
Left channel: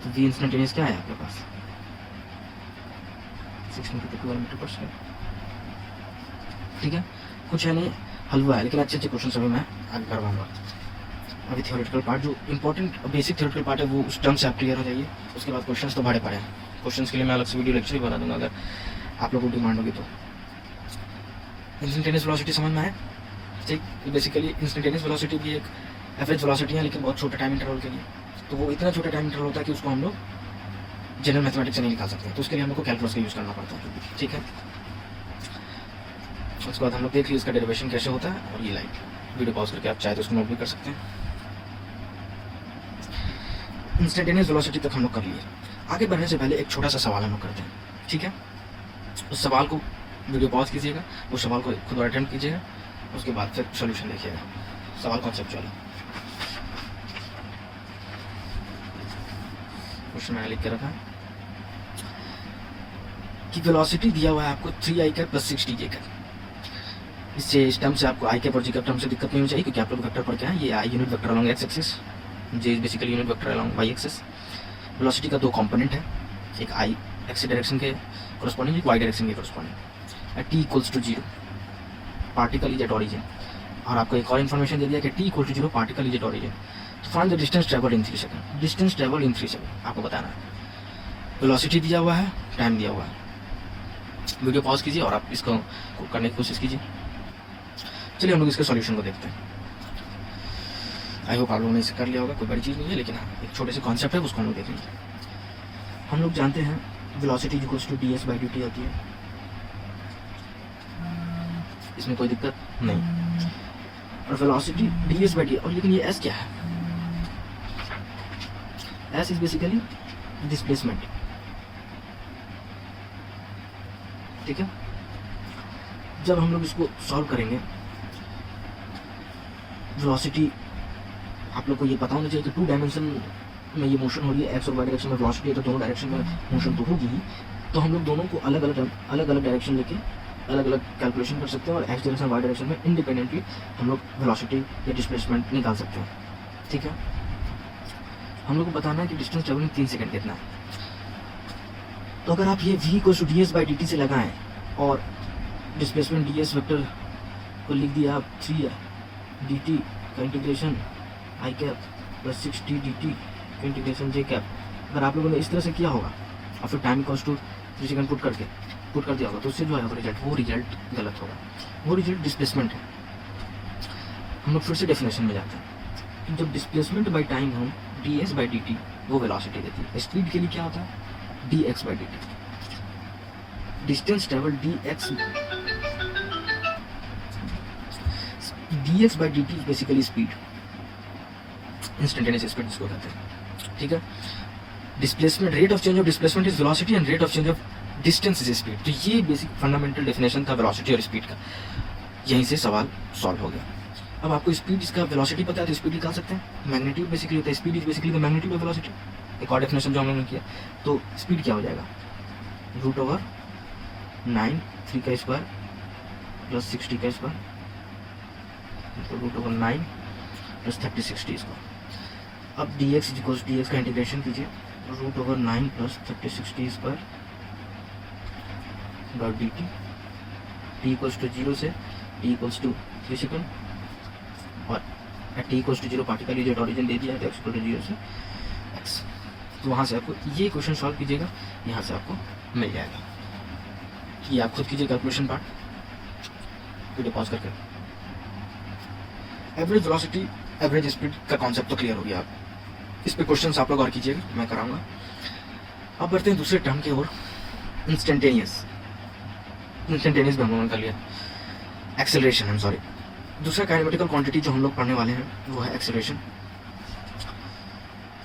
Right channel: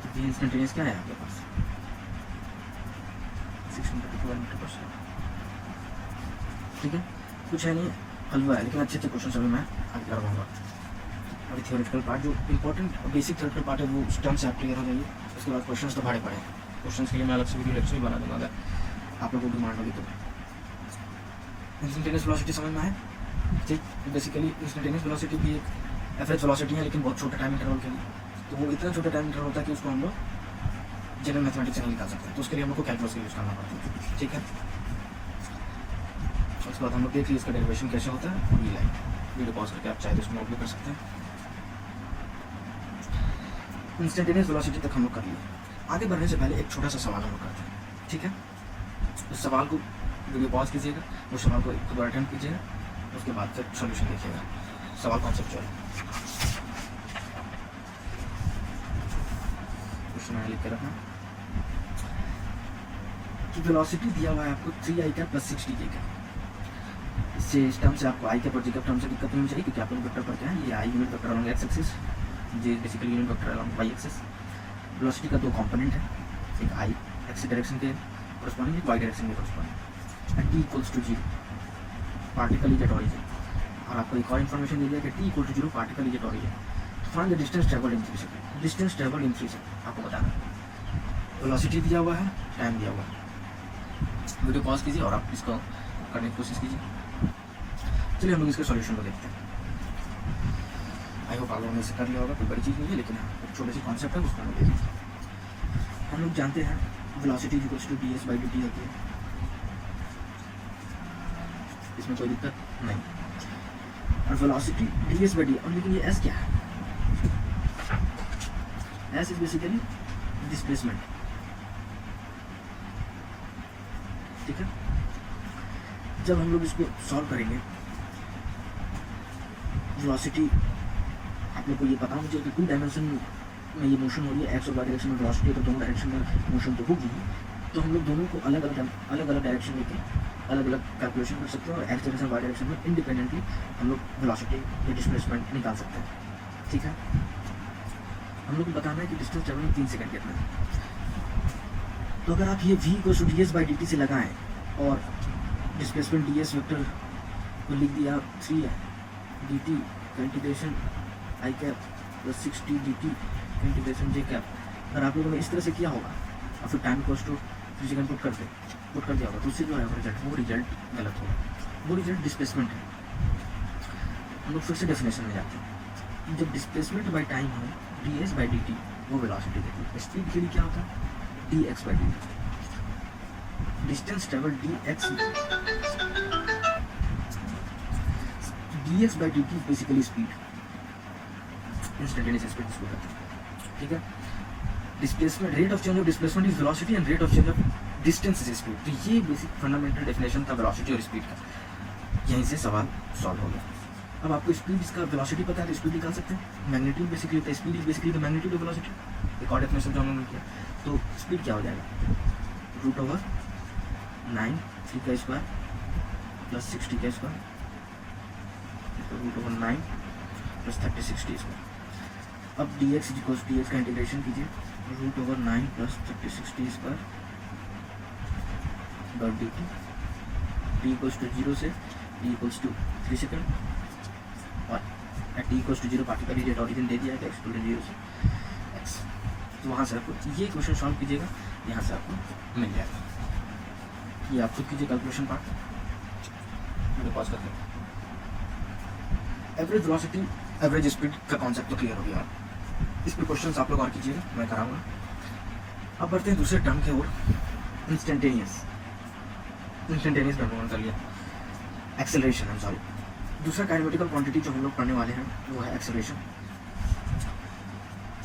तो v इंस्टेंटेनियस क्या है आपके पास 16 मीटर पर सेकंड, ठीक है। कुछ है नहीं, हलवा है, लेकिन अच्छे अच्छे क्वेश्चन अभी मैं आगे करवाऊंगा। अभी थियोरेटिकल पार्ट जो इंपॉर्टेंट बेसिक थियोरेटिकल पार्ट है वो उस टर्म से आप क्लियर हो जाइए, उसके बाद क्वेश्चंस तो बड़े पड़े हैं। क्वेश्चंस के लिए मैं अलग से वीडियो लेक्चर ही बना दूंगा अगर आप लोगों को डिमांड होगी तो। इंस्टेंटेनियस वेलोसिटी समझ में आए, ठीक। बेसिकली इंस्टेंटेनियस वेलोसिटी भी एक एवरेज वेलोसिटी है, लेकिन बहुत छोटे टाइम इंटरवल के लिए। तो वो इतना छोटा टाइम इंटरवल होता है कि उसको हम लोग जनरल मैथमेटिक्स से नहीं निकाल सकते, तो उसके लिए हमको कैलकुलस का यूज़ करना पड़ता है, ठीक है। उसके बाद हम लोग देख लिए इसका डेरिवेशन कैसे होता है, और ये लाइन वीडियो पॉज करके आप चाहे तो इसको नोट भी कर सकते हैं। इंस्टेंटेनियस वेलोसिटी तक हम लोग कर लिए। आगे बढ़ने से पहले एक छोटा सा सवाल हम लोग करते हैं, ठीक है। उस सवाल को वीडियो पॉज कीजिएगा, उस सवाल को खुद अटेम्प्ट कीजिएगा, उसके बाद फिर सोल्यूशन देखिएगा। सवाल कॉन्सेप्चुअल क्वेश्चन मैंने लिख के रखा है कि वेलोसिटी दिया हुआ है आपको 3i cap plus 6d cap. इससे इस टर्म से आपको आई कैप और जी कैप टर्म से दिक्कत नहीं होनी चाहिए, क्योंकि आप लोग वेक्टर पढ़ के हैं। ये i unit vector along x axis, j is basically unit vector along y axis. Velocity का दो कंपोनेंट है, एक आई एक्स डायरेक्शन के कॉरस्पॉन्डिंग, एक वाई डायरेक्शन के corresponding. At t equals to 0 particle is at origin, और आपको एक और इन्फॉर्मेशन दे दिया कि t equal to 0 particle is at origin. तो find the distance travelled in 3 second. Distance travelled in 3 second आपको बताना है। वेलोसिटी दिया हुआ है, टाइम दिया हुआ है। वीडियो पॉज कीजिए और आप इसको करने की कोशिश कीजिए। चलिए हम लोग इसके सॉल्यूशन को देखते हैं। आई होप आप लोगों ने इसे कर लिया होगा, कोई बड़ी चीज़ नहीं है, लेकिन एक छोटे से कॉन्सेप्ट है, उसको हम लोग देखेंगे। हम लोग जानते हैं velocity equals to ds by dt आती है, इसमें कोई दिक्कत नहीं। और वेलोसिटी ds बाई dt, और लेकिन ये s क्या है, s इज बेसिकली डिस्प्लेसमेंट, ठीक है। जब हम लोग इसको सॉल्व करेंगे, वेलोसिटी आप लोग को ये पता होना चाहिए कि 2 डायमेंशन में ये मोशन हो रही है, एक्स और वाई डायरेक्शन में वेलोसिटी है, तो दोनों डायरेक्शन में मोशन तो होगी ही। तो हम लोग दोनों को अलग अलग डायरेक्शन लेके अलग अलग कैलकुलेशन कर सकते हैं, और एक्स डायरेक्शन वाई डायरेक्शन में इंडिपेंडेंटली हम लोग वेलोसिटी या डिस्प्लेसमेंट निकाल सकते हैं, ठीक है। हम लोग को बताना है कि डिस्टेंस ट्रेवलिंग 3 सेकंड कितना है। तो अगर आप ये v को ds बाई dt से लगाएं और डिस्प्लेसमेंट ds वेक्टर को लिख दिया आप 3 dt का इंटीग्रेशन आई कैप प्लस 6d dt का इंटीग्रेशन j कैप, अगर आप लोगों ने इस तरह से किया होगा और फिर time equals to 3 second put कर दिया होगा, तो उससे जो आएगा रिजल्ट, वो रिजल्ट गलत होगा, वो रिजल्ट डिस्प्लेसमेंट है। हम लोग फिर से डेफिनेशन में जाते हैं। जब डिस्प्लेसमेंट बाई टाइम हम ds बाई dt वो वेलोसिटी देती है। स्पीड के लिए क्या होता है dx by dt। Distance travel dx by dt basically speed, instantaneous speed इसको कहते हैं, ठीक है। Displacement, rate of change of displacement is velocity and rate of change of distance is speed. तो ये बेसिक फंडामेंटल डेफिनेशन था velocity और speed का। यहीं से सवाल सॉल्व हो गया। अब आपको स्पीड इसका वेलोसिटी पता है तो स्पीड निकाल सकते हैं। मैग्नीट्यूड बेसिकली होता है, speed is basically the magnitude of velocity. एक और डेफिनेशन जो हम लोगों ने किया, तो स्पीड क्या हो जाएगा √9 3 का स्क्वायर प्लस 60 का स्क्वायर, तो √9 प्लस 36d स्क्वायर। अब dx इक्वल्स dx का इंटीग्रेशन कीजिए, √9 plus 36d square dot dt। t equals to 0 से t इक्वल्स टू 3 सेकंड, और t equals to 0 particle is at origin दे दिया है, तो x इक्वल टू 0 से x। तो वहाँ से आपको ये क्वेश्चन सॉल्व कीजिएगा, यहाँ से आपको मिल जाएगा। ये आप खुद कीजिए कैलकुलेशन पार्ट, वीडियो पॉज करके। एवरेज वेलोसिटी एवरेज स्पीड का कॉन्सेप्ट तो क्लियर हो गया। आप इस पे क्वेश्चन आप लोग और कीजिएगा, मैं कराऊंगा। अब बढ़ते हैं दूसरे टर्म की ओर, इंस्टेंटेनियस भी हम लोगों ने कर लिया। एक्सेलरेशन, हम सॉरी, दूसरा काइनेमेटिकल क्वांटिटी जो हम लोग पढ़ने वाले हैं वो है एक्सेलरेशन।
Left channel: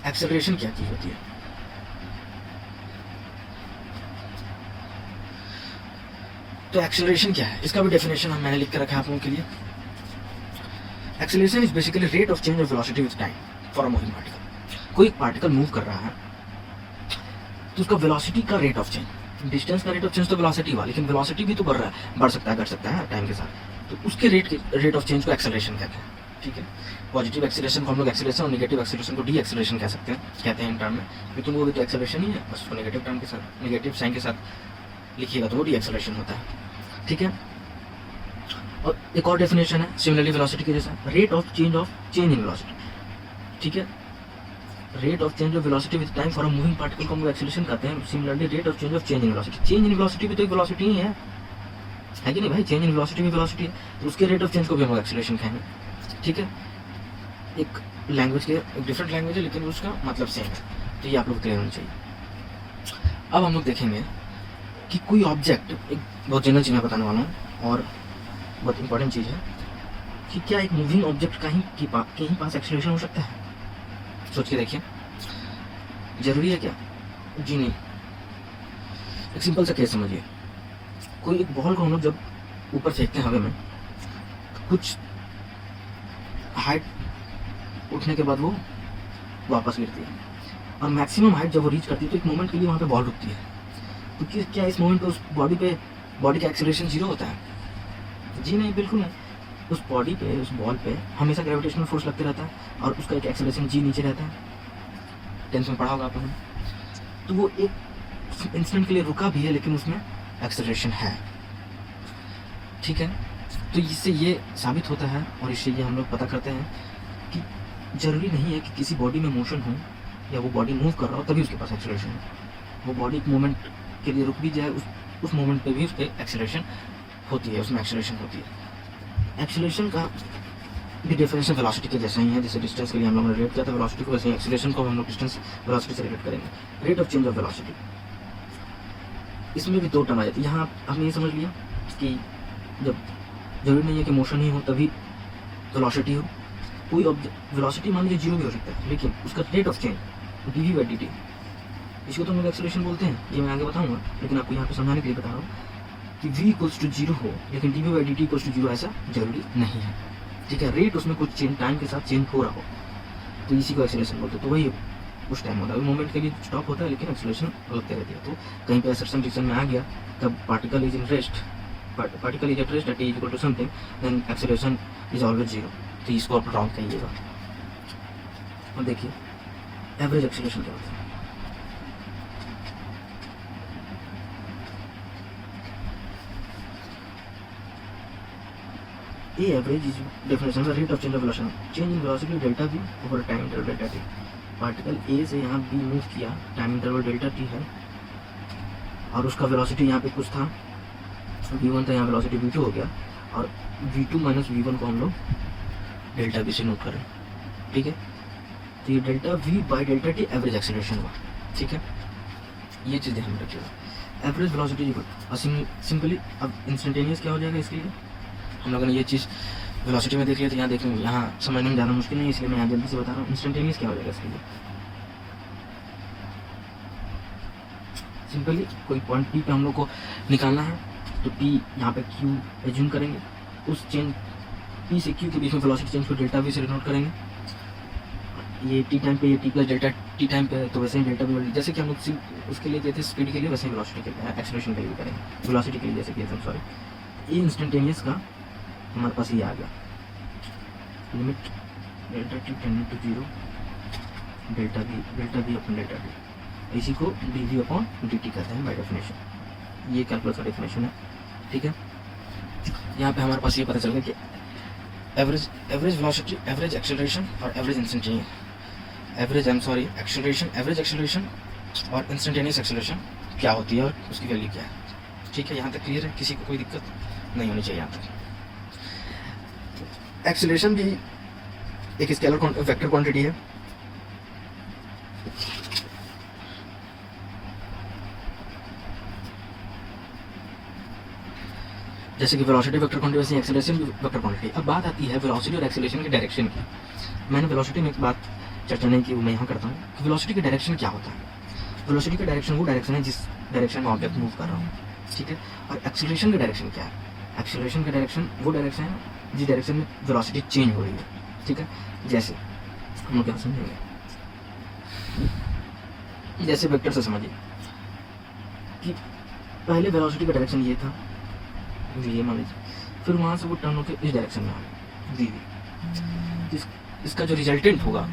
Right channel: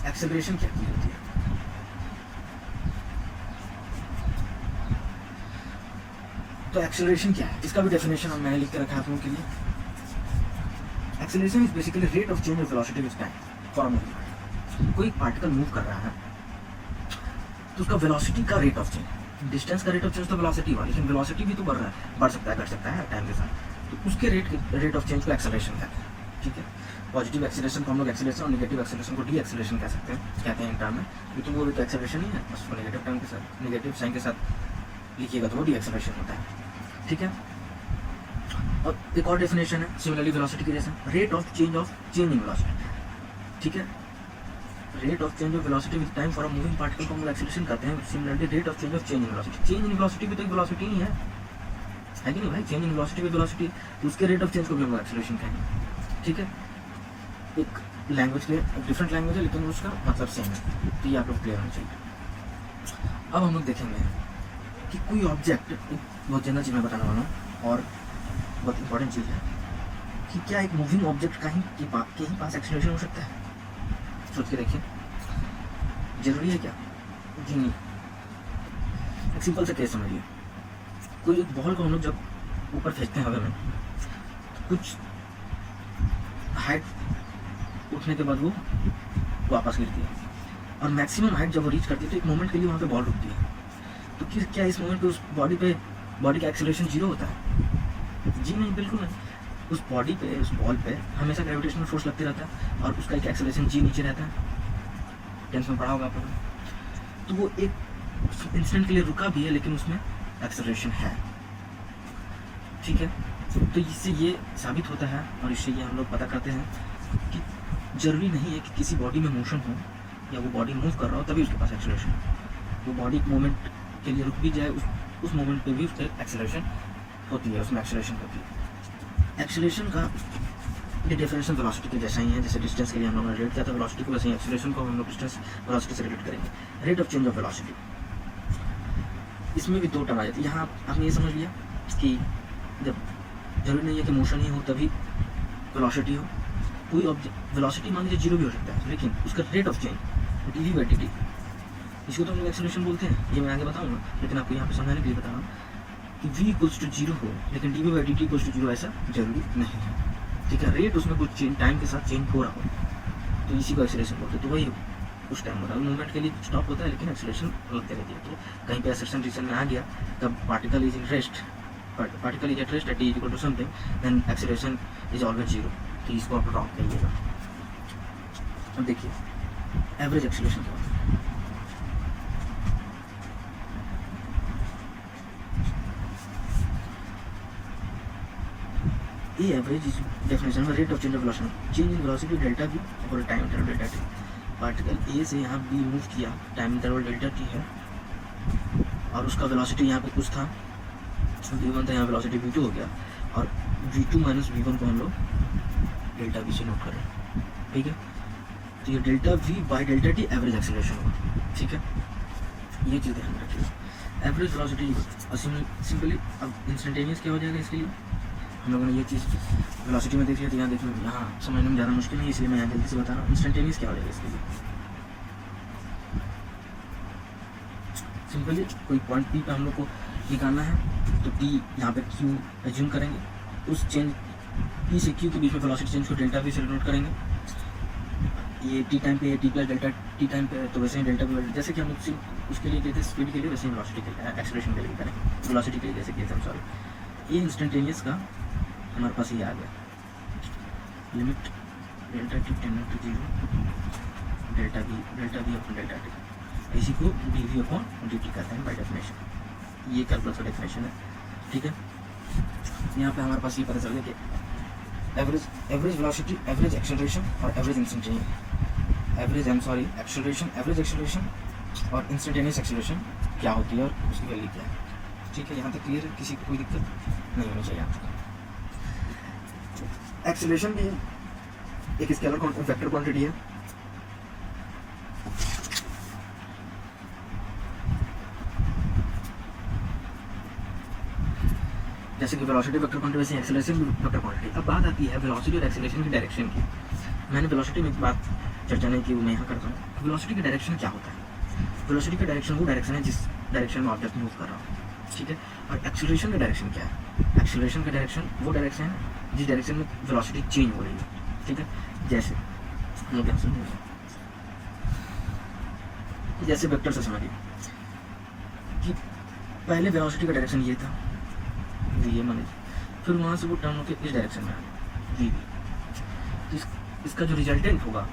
एक्सेलरेशन क्या चीज होती है? तो एक्सेलरेशन क्या है, इसका भी डेफिनेशन मैंने लिख के रखा है आप लोगों के लिए। Acceleration is basically rate of change of velocity with time for a moving particle. कोई पार्टिकल मूव कर रहा है तो उसका वेलोसिटी का रेट ऑफ चेंज, डिस्टेंस का रेट ऑफ चेंज तो वेलोसिटी हुआ, लेकिन वेलोसिटी भी तो बढ़ रहा है, बढ़ सकता है, घट सकता है टाइम के साथ, तो उसके रेट ऑफ चेंज को एक्सेलरेशन कहते हैं। ठीक है, पॉजिटिव एक्सेलरेशन को हम लोग एक्सेलरेशन और नेगेटिव एक्सेलरेशन को डी एक्सेलरेशन कहते हैं इन टर्म में, लेकिन वो भी तो एक्सेलरेशन ही है, बस उसको नेगेटिव टर्म के साथ, नेगेटिव साइन के साथ लिखिएगा तो वो डी एक्सेलरेशन होता है। ठीक है, और एक और डेफिनेशन है सिमिलरली वेलोसिटी के जैसा, rate of change in velocity. ठीक है, rate of change of velocity with time for a moving particle को हम एक्सेलरेशन कहते हैं। Similarly rate of change in velocity, change in velocity भी तो एक वेलोसिटी ही है कि नहीं भाई, चेंज इन वेलोसिटी भी वेलोसिटी है, तो उसके रेट ऑफ चेंज को भी हम लोग एक्सेलरेशन कहेंगे। ठीक है, एक लैंग्वेज के एक डिफरेंट लैंग्वेज है लेकिन उसका मतलब सेम है, तो ये आप लोग क्लियर होना चाहिए। अब हम लोग देखेंगे कि कोई ऑब्जेक्ट, एक बहुत जनरल चीज़ मैं बताने वाला हूँ और बहुत इंपॉर्टेंट चीज़ है कि क्या एक मूविंग ऑब्जेक्ट कहीं पास एक्सेलरेशन हो सकता है? सोच के देखिए, जरूरी है क्या? जी नहीं। एक सिंपल सा केस समझिए, कोई एक बॉल को हम लोग जब ऊपर फेंकते हैं हवा में, तो कुछ हाइट उठने के बाद वो वापस गिरती है, और मैक्सिमम हाइट जब वो रीच करती है तो एक मोमेंट के लिए वहाँ पे बॉल रुकती है। तो क्या इस मोमेंट पे उस बॉडी का एक्सेलरेशन जीरो होता है? जी नहीं, बिल्कुल नहीं। उस बॉडी पे, उस बॉल पे हमेशा ग्रेविटेशनल फोर्स लगते रहता है और उसका एक एक्सेलरेशन जी नीचे रहता है। टेंस में पढ़ा होगा आपने। तो वो एक इंस्टेंट के लिए रुका भी है लेकिन उसमें एक्सेलरेशन है। ठीक है, तो इससे ये साबित होता है और इससे ये हम लोग पता करते हैं कि जरूरी नहीं है कि किसी बॉडी में मोशन हो या वो बॉडी मूव कर रहा हो तभी उसके पास एक्सेलरेशन है। वो बॉडी मोमेंट के लिए रुक भी जाए, उस मोमेंट पे भी उसके एक्सेलरेशन होती है, उसमें एक्सेलरेशन होती है। एक्सेलरेशन का ये डेफिनेशन वेलोसिटी के जैसा ही है, जैसे डिस्टेंस के लिए हम लोग ने रिलेट किया था वेलोसिटी को, वैसे ही एक्सेलरेशन को हम लोग डिस्टेंस वेलोसिटी से रिलेट करेंगे। Rate of change of velocity, इसमें भी दो टर्म आ जाती है। यहाँ आपने ये समझ लिया कि जब जरूरी नहीं है कि मोशन ही हो तभी वेलोसिटी हो। कोई ऑब्जेक्ट वेलोसिटी मान लीजिए जीरो भी हो सकता है, लेकिन उसका rate of change D V by D T, इसको तो हम लोग एक्सेलरेशन बोलते हैं, ये मैं आगे बताऊंगा, लेकिन आपको यहाँ पे समझाने के लिए बता रहा हूँ कि v इक्वल्स टू जीरो हो लेकिन D V by D T equals to zero ऐसा जरूरी नहीं है। ठीक है, रेट उसमें कुछ चेंज टाइम के साथ चेंज हो रहा हो तो इसी को एक्सेलरेशन बोलते हैं। तो वही उस टाइम होता है, मोमेंट के लिए स्टॉप होता है लेकिन एक्सेलरेशन लगते रहती है। तो कहीं पे एक्सेलरेशन डिक्शन में आ गया तब particle is in rest, particle is at rest at equal to something, then acceleration is always zero. तो इसको आप रॉन्ग कहिएगा। और देखिए एवरेज एक्सेलरेशन क्या होता है। ये average is definition of rate of change of velocity, change in velocity delta v over time interval delta t। Particle A से यहाँ b मूव किया, टाइम इंटरवल डेल्टा t है, और उसका वेलोसिटी यहाँ पे कुछ था v1 था, यहाँ वेलोसिटी v2 हो गया, और v2 माइनस v1 को हम लोग डेल्टा v से नोट करें। ठीक है, तो ये delta v by delta t average acceleration हुआ। ठीक है, ये चीज़ ध्यान रखिएगा। एवरेज वेलोसिटी सिंपली अब इंस्टेंटेनियस क्या हो जाएगा, इसके लिए हम लोगों ने ये चीज़ वेलोसिटी में देख लिया, तो यहाँ देखें, यहाँ समझने में ज़्यादा मुश्किल नहीं, इसलिए मैं यहाँ जल्दी से बता रहा हूँ। इंस्टेंटेनियस क्या हो जाएगा इसके लिए, सिंपली कोई पॉइंट पी पे हम लोग को निकालना है, तो पी यहाँ पे क्यू एज्यूम करेंगे, उस चेंज पी से क्यू के बीच में वेलोसिटी चेंज को डेल्टा वी से डिनोट करेंगे। ये टी टाइम पे, ये T plus delta T time पे, तो वैसे ही डेल्टा वी, जैसे कि हम लोग उसके लिए कहते हैं स्पीड के लिए, वैसे ही वेलोसिटी के लिए, एक्सेलरेशन के लिए करेंगे, वेलोसिटी के लिए जैसे कि हम सॉरी। ये इंस्टेंटेनियस का हमारे पास ये आ गया, limit delta T tending to zero, delta V upon delta T, इसी को D V upon D T कहते हैं बाय डेफिनेशन। ये कैलकुलस का डेफिनेशन है। ठीक है, यहाँ पे हमारे पास ये पता चल गया कि एवरेज वेलोसिटी, एवरेज एक्सेलरेशन और एवरेज इंस्टेंटेनियस, एवरेज एक्सेलरेशन और इंस्टेंटेनियस एक्सेलरेशन क्या होती है और उसकी वैल्यू क्या है। ठीक है, यहाँ तक क्लियर है, किसी को कोई दिक्कत नहीं होनी चाहिए यहाँ तक। एक्सेलरेशन भी एक स्केलर वेक्टर क्वांटिटी है। जैसे कि वेलोसिटी वेक्टर क्वांटिटी, वैसे एक्सेलरेशन भी वेक्टर क्वांटिटी। अब बात आती है वेलोसिटी और एक्सेलरेशन की डायरेक्शन की। मैंने वेलोसिटी में एक बात चर्चा नहीं की, वो मैं यहाँ करता हूँ। वेलोसिटी का डायरेक्शन क्या होता है? वेलोसिटी का डायरेक्शन वो डायरेक्शन है जिस डायरेक्शन में ऑब्जेक्ट मूव कर रहा हूँ, ठीक है। और एक्सेलरेशन का डायरेक्शन क्या है? एक्सेलरेशन का डायरेक्शन वो डायरेक्शन है जिस डायरेक्शन में वेलोसिटी चेंज हो रही है, ठीक है। जैसे हम लोग क्या समझेंगे, जैसे वेक्टर से समझिए कि पहले वेलोसिटी का डायरेक्शन ये था वी मान लीजिए, फिर वहाँ से वो टर्न होकर इस डायरेक्शन में आ गया वी, इसका जो रिजल्टेंट होगा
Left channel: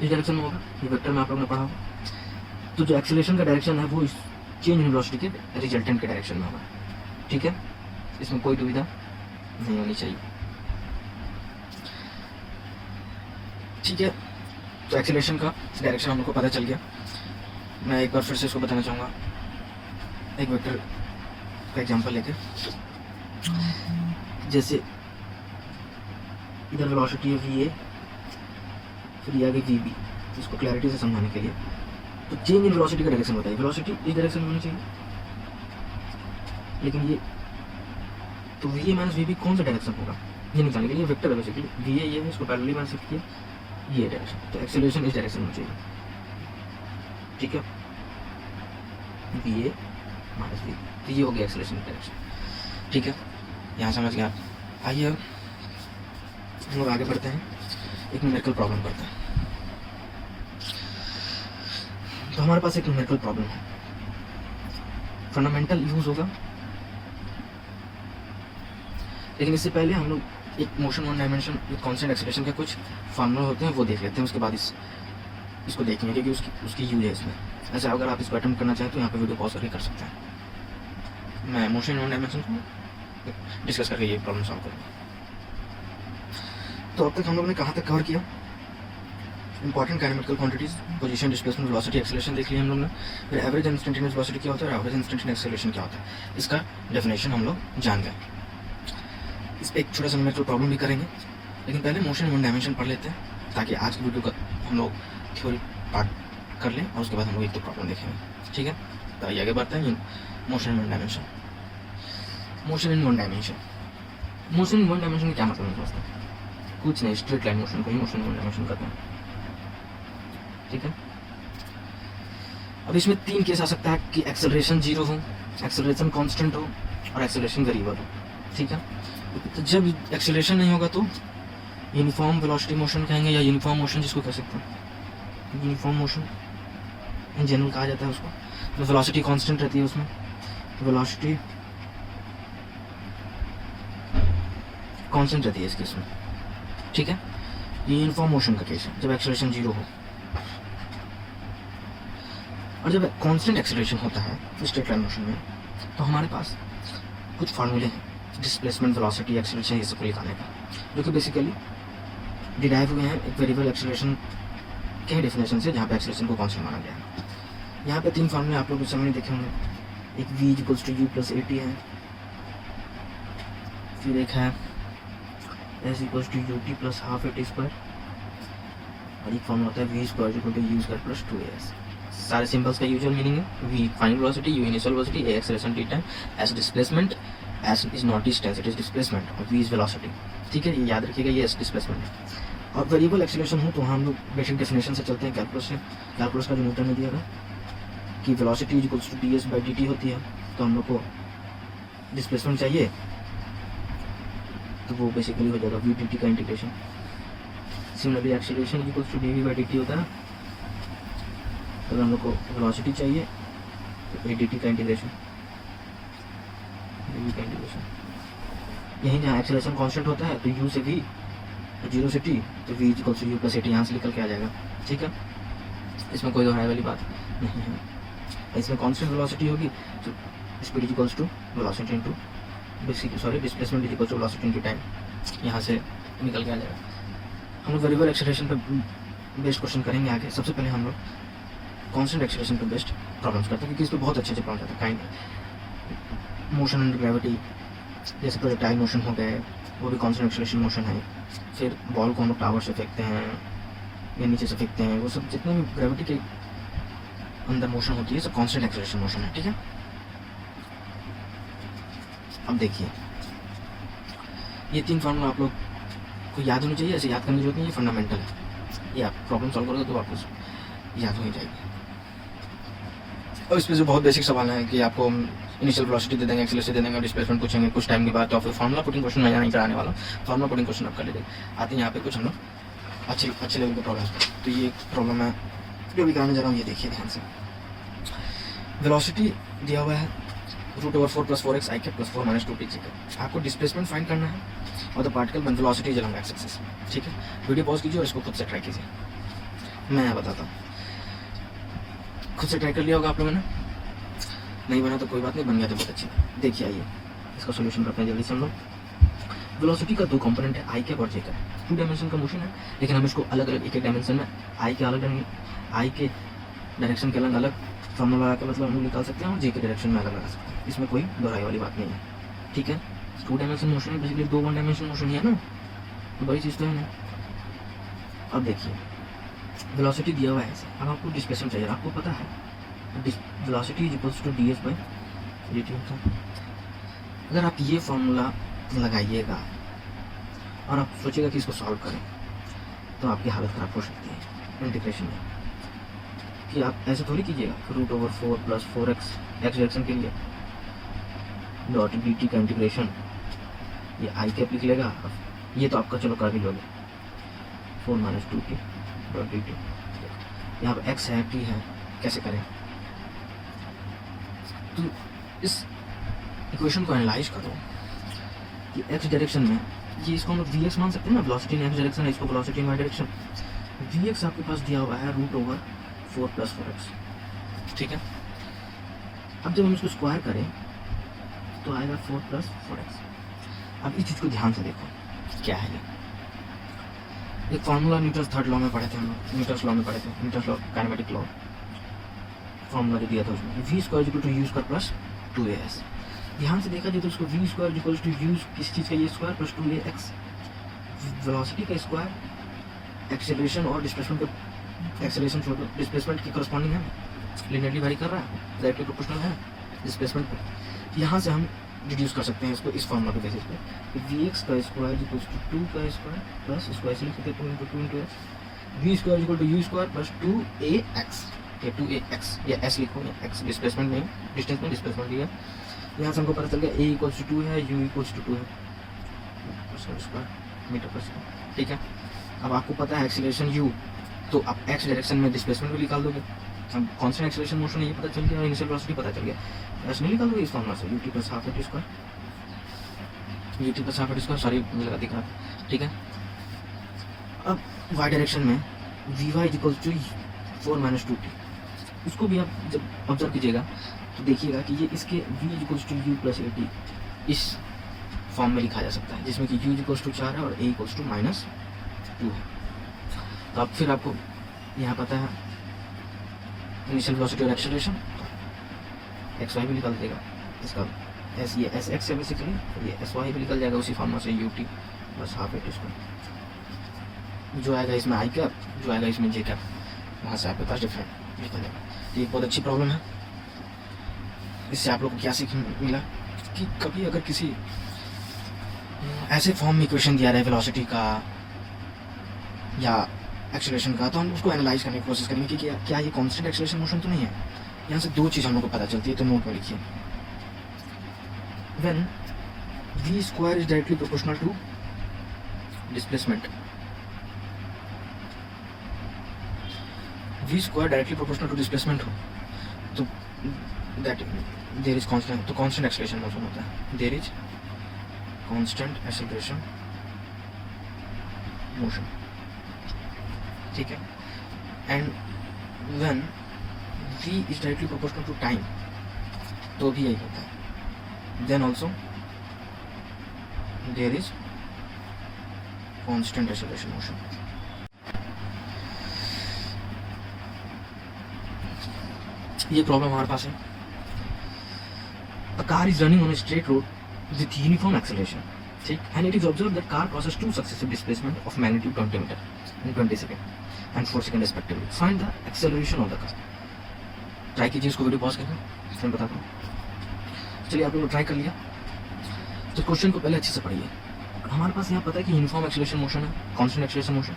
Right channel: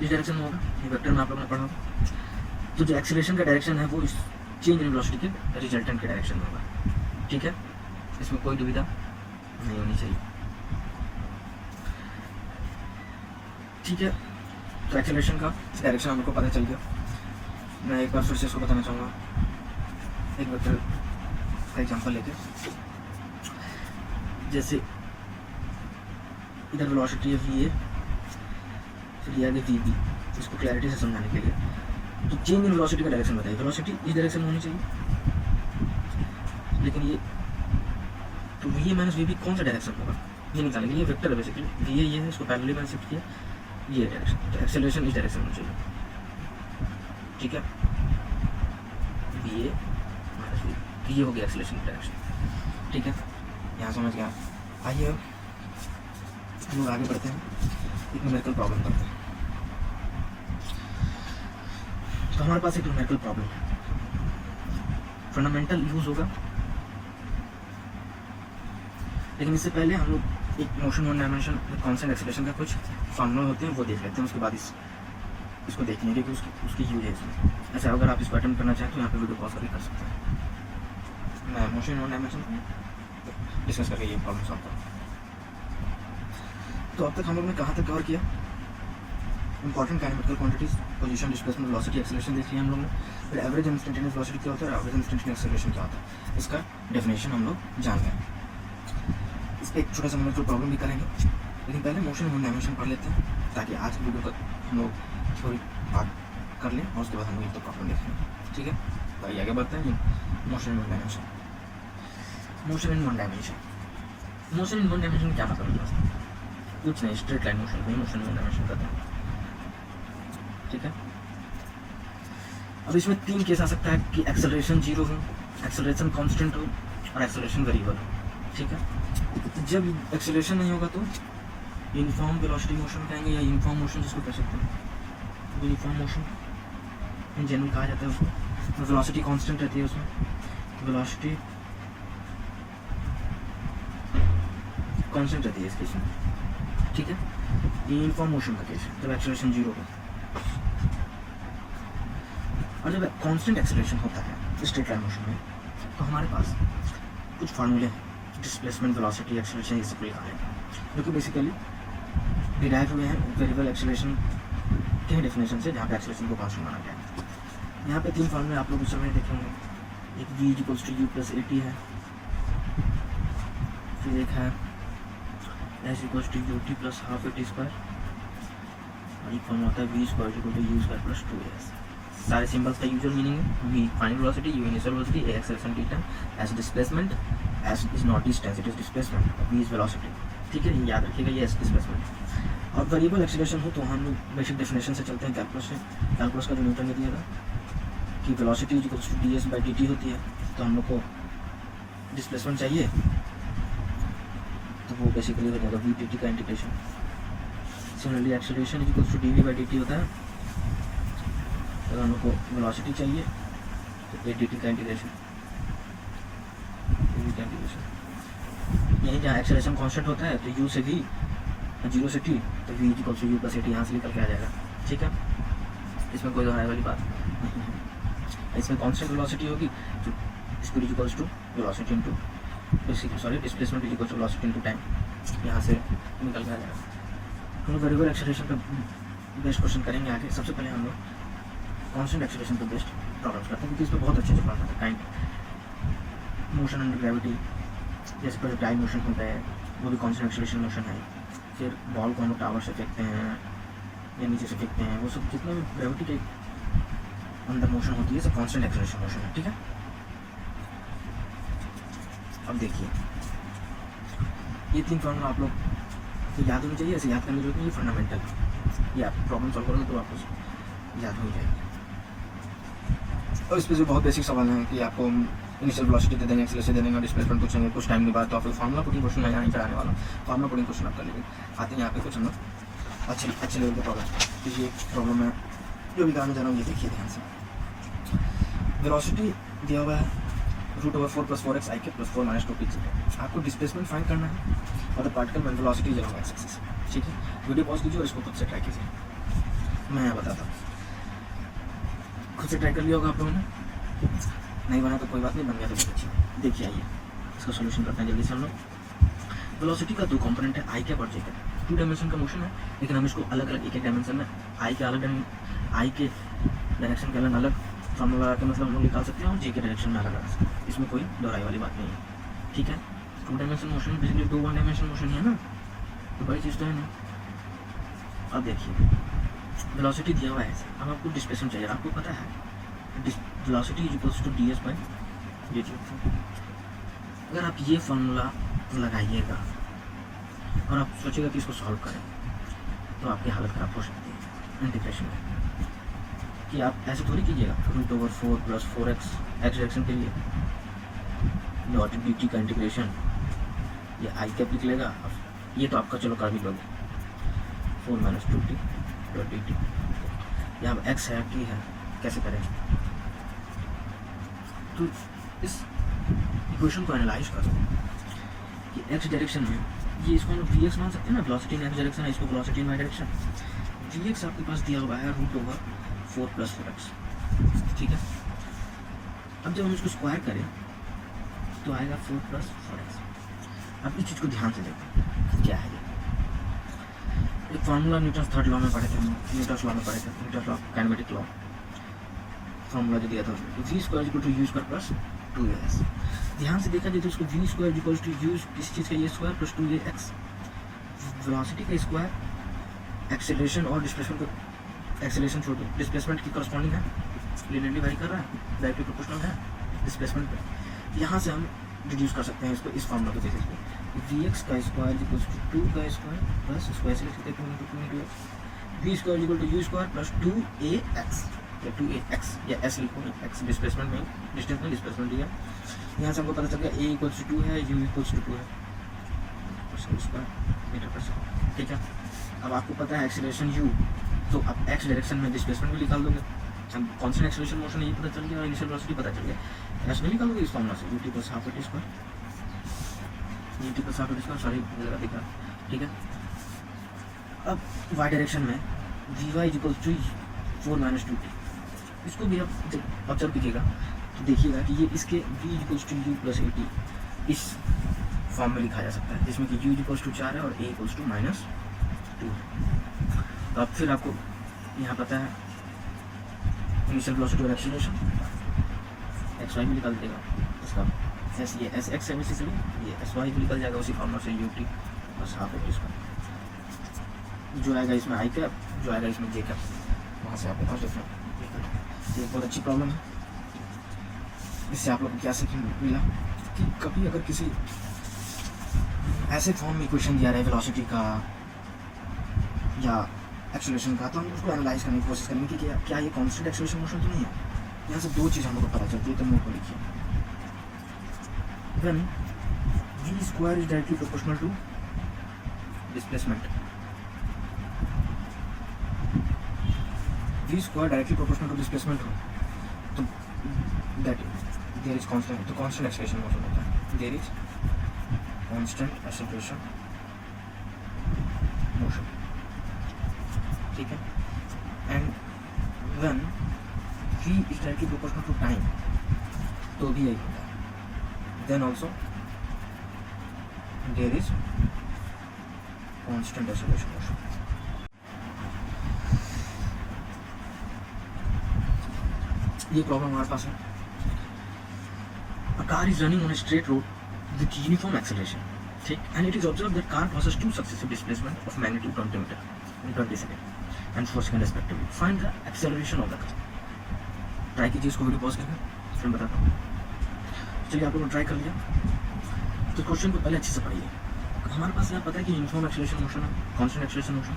इस डायरेक्शन में होगा, ये वेक्टर में आप लोग ने पढ़ा। तो जो एक्सेलरेशन का डायरेक्शन है वो इस चेंज इन वेलोसिटी के रिजल्टेंट के डायरेक्शन में होगा, ठीक है। इसमें कोई दुविधा नहीं होनी चाहिए, ठीक है। तो एक्सेलरेशन का डायरेक्शन हम लोग को पता चल गया। मैं एक बार फिर से इसको बताना चाहूँगा, एक वेक्टर का एग्जांपल लेके, जैसे इधर वेलोसिटी है वी ए, फिर ये आगे वी बी, इसको क्लैरिटी से समझाने के लिए। तो चेंज इन वेलोसिटी का डायरेक्शन होता है, वेलोसिटी इस डायरेक्शन में होनी चाहिए, लेकिन ये तो V A minus V B कौन सा डायरेक्शन होगा ये निकालने के लिए, वेक्टर है बेसिकली, वी ए ये है, इसको पैरेलली मैंने शिफ्ट किया, ये डायरेक्शन, तो एक्सेलरेशन इस डायरेक्शन में होना चाहिए, ठीक है। वी ए माइनस वी, तो ये हो गया एक्सेलरेशन डायरेक्शन, ठीक है। यहाँ समझ गया। आइए अब हम लोग आगे बढ़ते हैं, एक न्यूमेरिकल प्रॉब्लम करते हैं। तो हमारे पास एक न्यूमेरिकल प्रॉब्लम है, फंडामेंटल यूज होगा, लेकिन इससे पहले हम लोग एक motion one dimension with constant acceleration का कुछ फार्मूला होते हैं वो देख लेते हैं, उसके बाद इसको देखेंगे क्योंकि उसकी यूज है इसमें। अच्छा, अगर आप इसको अटेम्प्ट करना चाहें तो यहाँ पे वीडियो पॉज करके कर सकते हैं। मैं मोशन वन डायमेंशन डिस्कस करके ये प्रॉब्लम सॉल्व करूँ। तो अब तक हम लोग ने कहाँ तक कवर किया? Important kinematical quantities, position, displacement, velocity, acceleration देख लिया हम लोग ने। फिर एवरेज इंस्टेंटेनियस वेलोसिटी क्या होता है और एवरेज इंस्टेंटेनियस एक्सेलरेशन क्या होता है, इसका डेफिनेशन हम लोग जान गए। इस पर एक छोटा सा न्यूमेरिकल प्रॉब्लम भी करेंगे, लेकिन पहले मोशन वन डायमेंशन पढ़ लेते हैं ताकि आज की वीडियो का हम लोग थ्योरी पार्ट कर लें और उसके बाद हम लोग एक तो प्रॉब्लम देखेंगे, ठीक है। तो आइए आगे बढ़ते हैं। Motion in one dimension, motion in one dimension, motion in one dimension का क्या मतलब है दोस्तों? कुछ नहीं, स्ट्रेट लाइन मोशन को ही मोशन वन डायमेंशन कहते हैं, ठीक है। अब इसमें तीन केस आ सकता है कि एक्सेलरेशन जीरो हो, एक्सेलरेशन कांस्टेंट हो और एक्सेलरेशन वेरिएबल हो, ठीक है। तो जब एक्सेलरेशन नहीं होगा तो यूनिफॉर्म वेलोसिटी मोशन कहेंगे या यूनिफॉर्म मोशन जिसको कह सकते हैं, यूनिफॉर्म मोशन इन जनरल कहा जाता है उसको। तो वेलोसिटी कांस्टेंट रहती है उसमें, वेलोसिटी कांस्टेंट रहती है इस केस में, ठीक है। ये यूनिफॉर्म मोशन का केस है जब एक्सेलरेशन जीरो हो। और जब कांस्टेंट एक्सेलरेशन होता है स्ट्रेट लाइन मोशन में तो हमारे पास कुछ फार्मूले हैं डिस्प्लेसमेंट, वेलोसिटी, एक्सेलरेशन, ये सब निकालने का, जो कि बेसिकली डिराइव हुए हैं एक वेरिएबल एक्सेलरेशन के डेफिनेशन से, जहाँ पे एक्सेलरेशन को कांस्टेंट माना गया है। यहाँ पे तीन फार्मूले आप लोग उस समय देखे होंगे, एक v equals to u plus at है, फिर एक है s equals to ut plus half at square, और एक फार्मूला होता है v square equal to u square plus 2as। सारे सिंबल्स का यूजुअल मीनिंग है v final velocity, u initial velocity, a acceleration t time, s displacement, s is not distance it is displacement, और v is velocity, ठीक है। ये याद रखिएगा, ये s डिस्प्लेसमेंट है। और वेरिएबल एक्सेलरेशन हो तो हम लोग बेसिक डेफिनेशन से चलते हैं कैलकुलस से। कैलकुलस का जो न्यूटन में दिया था कि velocity equals to ds by dt होती है, तो हम लोग को डिस्प्लेसमेंट चाहिए तो वो बेसिकली हो जाएगा v dt का integration. Similarly acceleration equals to dv by dt होता है, तो हम लोग को वेलोसिटी चाहिए तो a dt का इंटीग्रेशन, dv का इंटीग्रेशन। यहीं जहाँ एक्सेलरेशन कांस्टेंट होता है तो u से v, जीरो से t, तो v equals to u plus at यहाँ से निकल के आ जाएगा, ठीक है। इसमें कोई दोहराई वाली बात नहीं है। इसमें कांस्टेंट वेलोसिटी होगी तो speed equals to velocity into displacement equals to velocity into time, यहाँ से निकल के आ जाएगा। हम लोग वेरिएबल एक्सेलरेशन पे बेस्ट क्वेश्चन करेंगे आगे। सबसे पहले हम लोग कांस्टेंट एक्सेलरेशन पे बेस्ट प्रॉब्लम्स करते हैं क्योंकि इस पर बहुत अच्छे से प्रॉब्लम होता है। काइंड मोशन अंडर ग्रेविटी, जैसे प्रोजेक्टाइल मोशन हो गए, वो भी कांस्टेंट एक्सेलरेशन मोशन है। फिर बॉल को हम लोग टावर से फेंकते हैं या नीचे से फेंकते हैं, वो सब जितने भी ग्रेविटी के अंदर मोशन होती है सब कांस्टेंट एक्सेलरेशन मोशन है, ठीक है। अब देखिए ये तीन फार्मूला आप लोग को याद होनी चाहिए, ऐसे याद करने की जरूरत नहीं, ये फंडामेंटल है। ये आप प्रॉब्लम सॉल्व करोगे तो आपको याद हो ही जाएगी। और इसमें से बहुत बेसिक सवाल है कि आपको इनिशियल वेलोसिटी दे देंगे, एक्सेलरेशन दे देंगे और डिस्प्लेसमेंट पूछेंगे कुछ टाइम के बाद। तो आप फार्मूला पुटिंग क्वेश्चन मैं नहीं कराने वाला हूँ, फार्मूला पुटिंग क्वेश्चन आप कर लेंगे। आते हैं यहाँ पे कुछ हम लोग अच्छे लेवल का प्रॉब्लम। तो ये प्रॉब्लम है जो भी कराने जा रहा हूँ, ये देखिए ध्यान से। वेलोसिटी दिया हुआ है √4 + 4x i के + 4 - 2p जी का। आपको डिस्प्लेसमेंट फाइंड करना है और द पार्टिकल में velocity is along x axis. ठीक है, वीडियो पॉज कीजिए और इसको खुद से ट्राई कीजिए, मैं यहाँ बताता हूँ। खुद से ट्राई कर लिया होगा आप लोगों ने, नहीं बना तो कोई बात नहीं, बन गया तो बहुत अच्छा। देखिए आइए इसका सोल्यूशन करते हैं जल्दी से हम लोग। वेलोसिटी का 2 कंपोनेंट है, आई कैप और जे कैप। 2 डायमेंशन का मोशन है, लेकिन हम इसको अलग अलग एक डायमेंशन में आई के अलग आई के डायरेक्शन के अलग अलग फॉर्मूला लगा के मतलब हम निकाल सकते हैं और जे के डायरेक्शन में अलग लगा सकते हैं। इसमें कोई दोहराई वाली बात नहीं है। ठीक है, 2 डायमेंशन मोशन है, बेसिकली 2 1 डायमेंशन मोशन है ना, बड़ी चीज़ तो है ना। अब देखिए वेलोसिटी दिया हुआ है ऐसे, अब आपको डिस्प्लेसमेंट चाहिए। आपको पता है velocity is equals to ds/dt। अगर आप ये फॉर्मूला लगाइएगा और आप सोचिएगा कि इसको सॉल्व करें तो आपकी हालत ख़राब हो सकती है इंटीग्रेशन में। कि आप ऐसे थोड़ी कीजिएगा √4 + 4x एक्स डायरेक्शन के लिए डॉट dt का इंटीग्रेशन, ये आई कैप लिख लेगा। ये तो आपका चलो कर भी लोगे 4 - 2t डॉट dt। यहाँ पर x है t है, कैसे करें? तो इस इक्वेशन को एनालाइज करो कि x डायरेक्शन में ये इसको हम vx मान सकते हैं ना, वेलोसिटी इन x डायरेक्शन है, इसको वेलोसिटी इन y डायरेक्शन। vx आपके पास दिया हुआ है √4 + 4x। ठीक है, अब जब हम इसको स्क्वायर करें तो आएगा 4 + 4x। अब इस चीज़ को ध्यान से देखो क्या है ये। एक फार्मूला न्यूटन्स थर्ड लॉ में पढ़े थे हम लोग, न्यूटन्स लॉ में पढ़े थे, Newton's law kinematic law. Formula दिया था उसमें v² = u² + 2as। ध्यान से देखा जाए तो उसको v² = u किसी चीज़ का ये स्क्वायर + 2ax। वेलोसिटी का स्क्वायर एक्सेलरेशन और डिस्प्लेसमेंट का, एक्सेलरेशन छोड़ दो, डिस्प्लेसमेंट की करस्पॉन्डिंग है, लिनियरली वेरी कर रहा है, डायरेक्टली प्रोपोर्शनल है डिस्प्लेसमेंट पे। यहाँ से हम रिड्यूस कर सकते हैं इसको इस फार्मूला के बेसिस पे। तो vx² = 2 का स्क्वायर प्लस स्क्वायर से लिख सकते हैं 2 × 2x, v² = u² + 2ax। या 2ax या s लिखो, x डिस्प्लेसमेंट में, डिस्टेंस में डिस्प्लेसमेंट दिया। यहाँ से हमको पता चल गया a = 2 है, u = 2 है मीटर/सेकंड। ठीक है, अब आपको पता है एक्सीलरेशन u, तो आप x डायरेक्शन में डिस्प्लेसमेंट भी निकाल दोगे। हम कांस्टेंट एक्सीलरेशन मोशन है ये पता चल गया और इनिशियल वेलोसिटी पता चल गया, ऐसे निकाल दोगे इस फॉर्मूला से ut + ½ at², ut + ½ at², sorry मुझे लगा दिखा। ठीक है, अब y डायरेक्शन में vy = 4 - 2t। इसको भी आप जब ऑब्जर्व कीजिएगा तो देखिएगा कि ये इसके v = u + at इस फॉर्म में लिखा जा सकता है, जिसमें कि u = 4 है और a = -2 है। तो अब फिर आपको यहाँ पता है इनिशियल वेलोसिटी और एक्सेलरेशन, एक्स वाई भी निकल देगा इसका, एस ये एस एक्स है बेसिकली, ये एस वाई भी निकल जाएगा उसी फॉर्मूला से ut + ½ at²। जो आएगा इसमें आई कैप, जो आएगा इसमें जे कैप, वहाँ से आपके पास डिफरेंट निकल जाएगा। तो ये बहुत अच्छी प्रॉब्लम है। इससे आप लोग को क्या सीख मिला कि कभी अगर किसी ऐसे फॉर्म में क्वेश्चन दिया रहा है वेलोसिटी का या एक्सेलरेशन का, तो हम उसको एनालाइज करने की कोशिश करेंगे कि क्या ये कांस्टेंट एक्सेलरेशन मोशन तो नहीं है। यहाँ से 2 चीज़ हम लोग को पता चलती है, तो नोट में लिखिए। When v² is directly proportional to displacement, v² directly proportional to displacement हो तो दैट देयर इज कांस्टेंट, तो कांस्टेंट एक्सेलरेशन मोशन होता है, there is constant acceleration motion. ठीक है, and when v is directly proportional to time, तो भी यही होता है, then also there is constant acceleration motion. ये प्रॉब्लम हमारे पास है। A car is running on a straight road with uniform acceleration, ठीक, and it is observed that car crosses 2 successive displacement of magnitude 20 meter in 20 seconds and 4 seconds respectively. Find the acceleration of the car. Try कीजिए इसको, video pause करके फिर बताता हूँ। चलिए आप लोग ट्राई कर लिया तो क्वेश्चन को पहले अच्छे से पढ़िए। हमारे पास यहाँ पता है कि यूनिफॉर्म एक्सेलरेशन मोशन है, कांस्टेंट एक्सेलरेशन मोशन,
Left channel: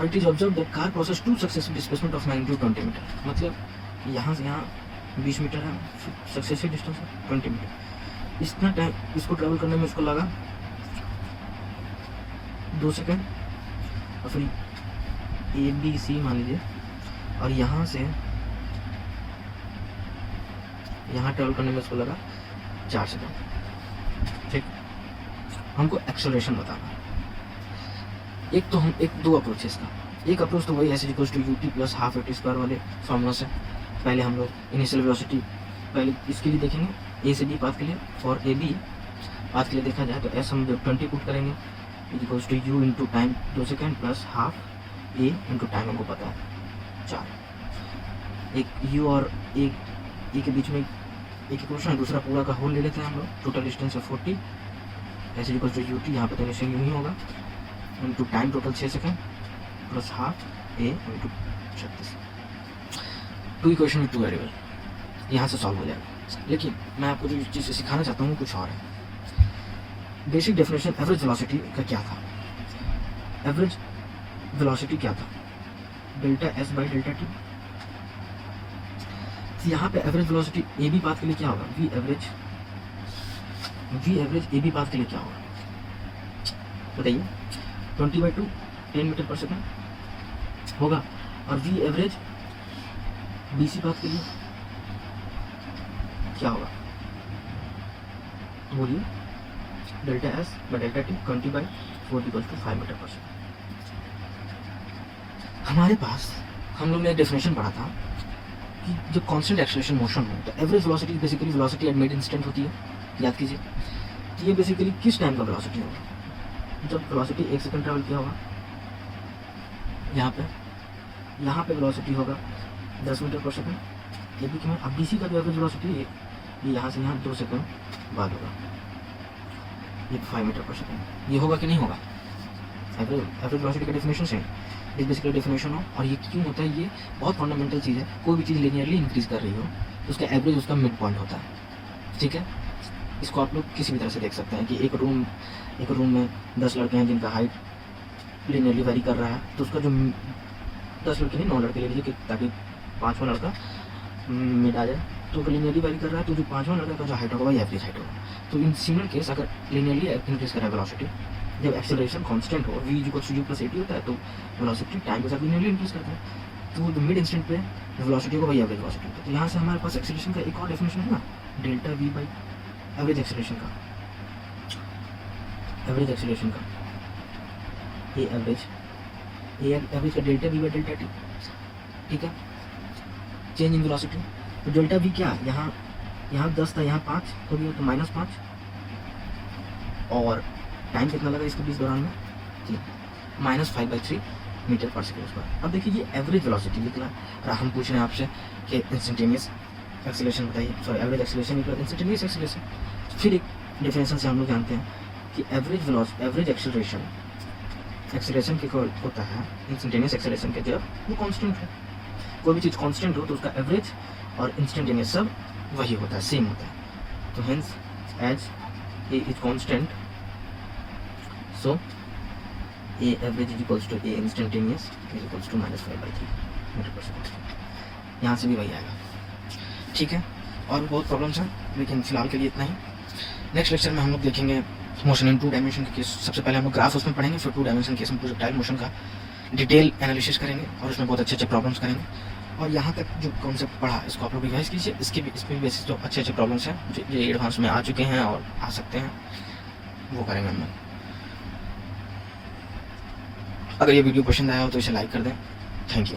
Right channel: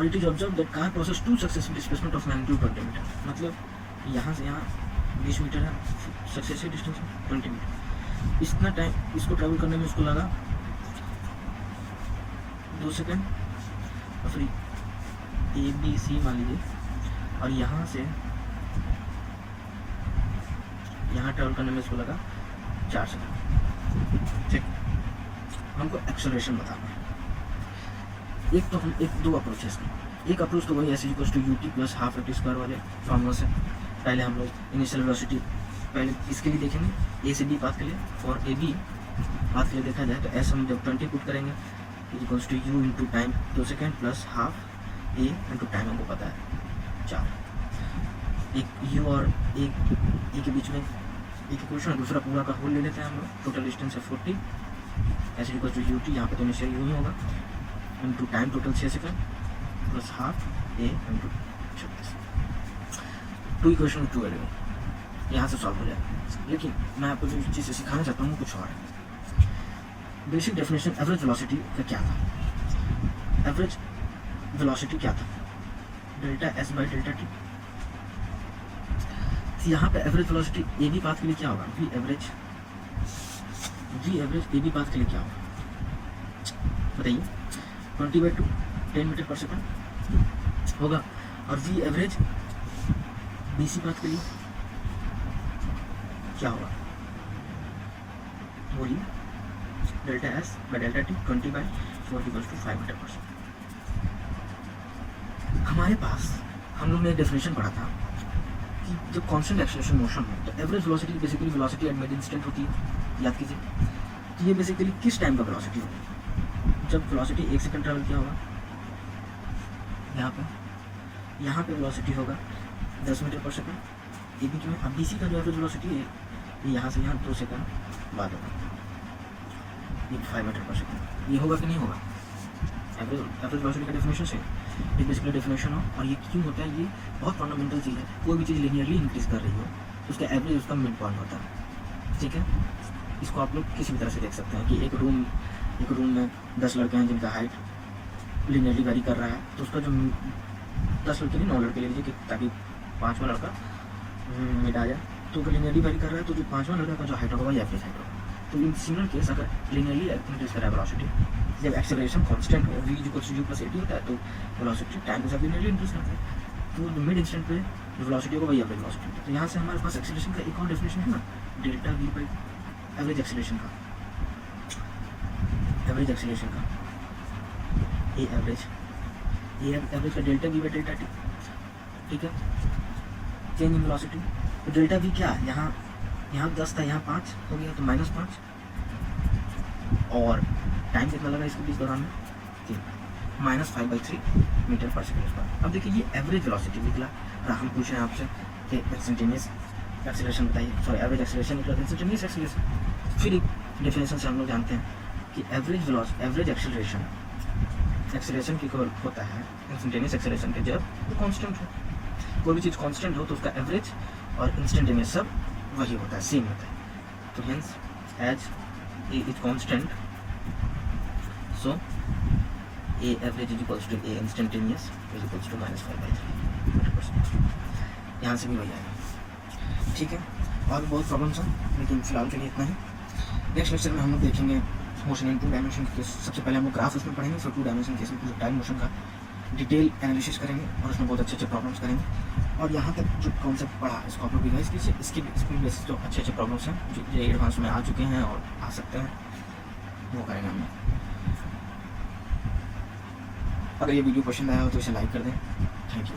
और it is observe that car process to successive displacement of magnitude 20 metre, मतलब यहाँ से यहाँ 20 मीटर है, सक्सेसिव डिस्टेंस है 20 मीटर। इतना टाइम इसको ट्रैवल करने में उसको लगा 2 सेकेंड, और फिर ABC मान लीजिए, और यहाँ से यहाँ ट्रैवल करने में इसको लगा 4 सेकेंड। ठीक, हमको एक्सेलरेशन बताना है। एक तो हम दो अप्रोचेस का, एक अप्रोच तो वही S equals to ut plus half at square वाले फॉर्मूला से। पहले हम लोग इनिशियल वेलोसिटी पहले इसके लिए देखेंगे, ए से बी पाथ के लिए, और ए बी पाथ के लिए देखा जाए तो एस हम जब 20 पुट करेंगे equals to you into time 2 second plus half A into time हमको पता है 4। एक यू और ए के बीच में एक इक्वेशन है, दूसरा पूरा का होल ले लेते हैं हम लोग। टोटल डिस्टेंस है 40, एस इक्वल्स टू ut, यहाँ पे तो इनिशियल यू ही होगा, into time total 6 second plus half ए इंटू 36। 2 इक्वेशन में 2 वेरिएबल, यहाँ से सॉल्व हो जाएगा। लेकिन मैं आपको जो चीज़ सिखाना चाहता हूँ कुछ और है। बेसिक डेफिनेशन एवरेज वेलोसिटी का क्या था? एवरेज वेलोसिटी क्या था? Delta S by delta T. यहाँ पे average velocity A B path के लिए क्या होगा? V average A B path के लिए क्या होगा बताइए? 20/2 10 मीटर पर सेकेंड होगा। और वी एवरेज BC पाथ के लिए क्या होगा बोलिए? Delta S by delta T 20/4 = 5 metre per second. हमारे पास हम लोग ने एक डेफिनेशन पढ़ा था कि जब कांस्टेंट एक्सेलरेशन मोशन हो तो average velocity basically velocity at mid instant होती है, याद कीजिए। तो ये बेसिकली किस टाइम का वेलोसिटी होगा? जब वेलोसिटी 1 सेकंड ट्रैवल किया होगा। यहाँ पे वेलोसिटी होगा 10 मीटर पर सेकंड। ए बी क्यों? अब BC का जो एवरेज वेलोसिटी है ये यहाँ से यहाँ 2 सेकंड बाद होगा, ये 5 मीटर पर सेकंड। ये होगा कि नहीं होगा? एवरेज वेलोसिटी का डेफिनेशन से इस बेसिकली डेफिनेशन हो। और ये क्यों होता है? ये बहुत फंडामेंटल चीज़ है। कोई भी चीज़ लिनियरली इंक्रीज कर रही हो तो उसका एवरेज उसका मिड पॉइंट होता है। ठीक है, इसको आप लोग किसी भी तरह से देख सकते हैं कि एक रूम में 10 लड़के हैं जिनका हाइट लिनियरली वेरी कर रहा है, तो उसका जो 10 लड़के नहीं 9 लड़के ले लीजिए कि ताकि 5वां लड़का मिड आ जाए, तो लिनियरली वेरी कर रहा है, तो जो 5वां लड़का का जो हाइट होगा वही एवरेज हाइट होगा। तो इन सिमिलर केस अगर लिनियरली इंक्रीज कर रहा है वेलोसिटी, जब एक्सेलरेशन कांस्टेंट हो v = u + at होता है, तो वेलोसिटी टाइम के साथ लिनियरली इंक्रीज करता है, तो मिड इंस्टेंट पे जो वेलोसिटी होगा वही एवरेज वेलोसिटी होता है। तो यहाँ से हमारे पास एक्सेलरेशन का एक और डेफिनेशन है ना, delta v by average acceleration का ए एवरेज का delta v by delta T. ठीक है, चेंज इन वेलोसिटी। तो डेल्टा v क्या है? यहाँ 10 था, यहाँ 5 हो गया, तो -5। और टाइम कितना लगा इसके बीच दौरान में? -5/3 मीटर पर सेकेंड स्क्वायर। अब देखिए ये एवरेज वेलोसिटी निकला, और हम पूछ रहे हैं आपसे कि इंस्टेंटेनियस एक्सेलरेशन बताइए, सॉरी एवरेज एक्सेलरेशन निकला, इंस्टेंटेनियस एक्सेलरेशन। फिर एक डेफिनेशन से हम लोग जानते हैं कि एवरेज एक्सेलरेशन के होता है इंस्टेंटेनियस एक्सेलरेशन के जब वो कांस्टेंट हो। कोई भी चीज़ कांस्टेंट हो तो उसका एवरेज और इंस्टेंटेनियस सब वही होता है, सेम होता है। तो hence as A is constant, so A average = A instantaneous = -5/3 metre per second. यहाँ से भी वही आएगा। ठीक है, और बहुत प्रॉब्लम्स हैं, लेकिन फिलहाल के लिए इतना ही। नेक्स्ट लेक्चर में हम लोग देखेंगे मोशन इन 2 डायमेंशन के केस। सबसे पहले हम लोग ग्राफ उसमें पढ़ेंगे, फिर 2 डायमेंशन केस में प्रोजेक्टाइल मोशन का डिटेल एनालिसिस करेंगे और उसमें बहुत अच्छे प्रॉब्लम्स करेंगे। और यहाँ तक जो कॉन्सेप्ट पढ़ा इसको आप लोग रिवाइज कीजिए। इस पर भी बेसिस जो अच्छे प्रॉब्लम्स हैं जो ये एडवांस में आ चुके हैं और आ सकते हैं, वो करेंगे हम लोग। अगर ये वीडियो पसंद आया हो तो इसे लाइक कर दें। Thank you.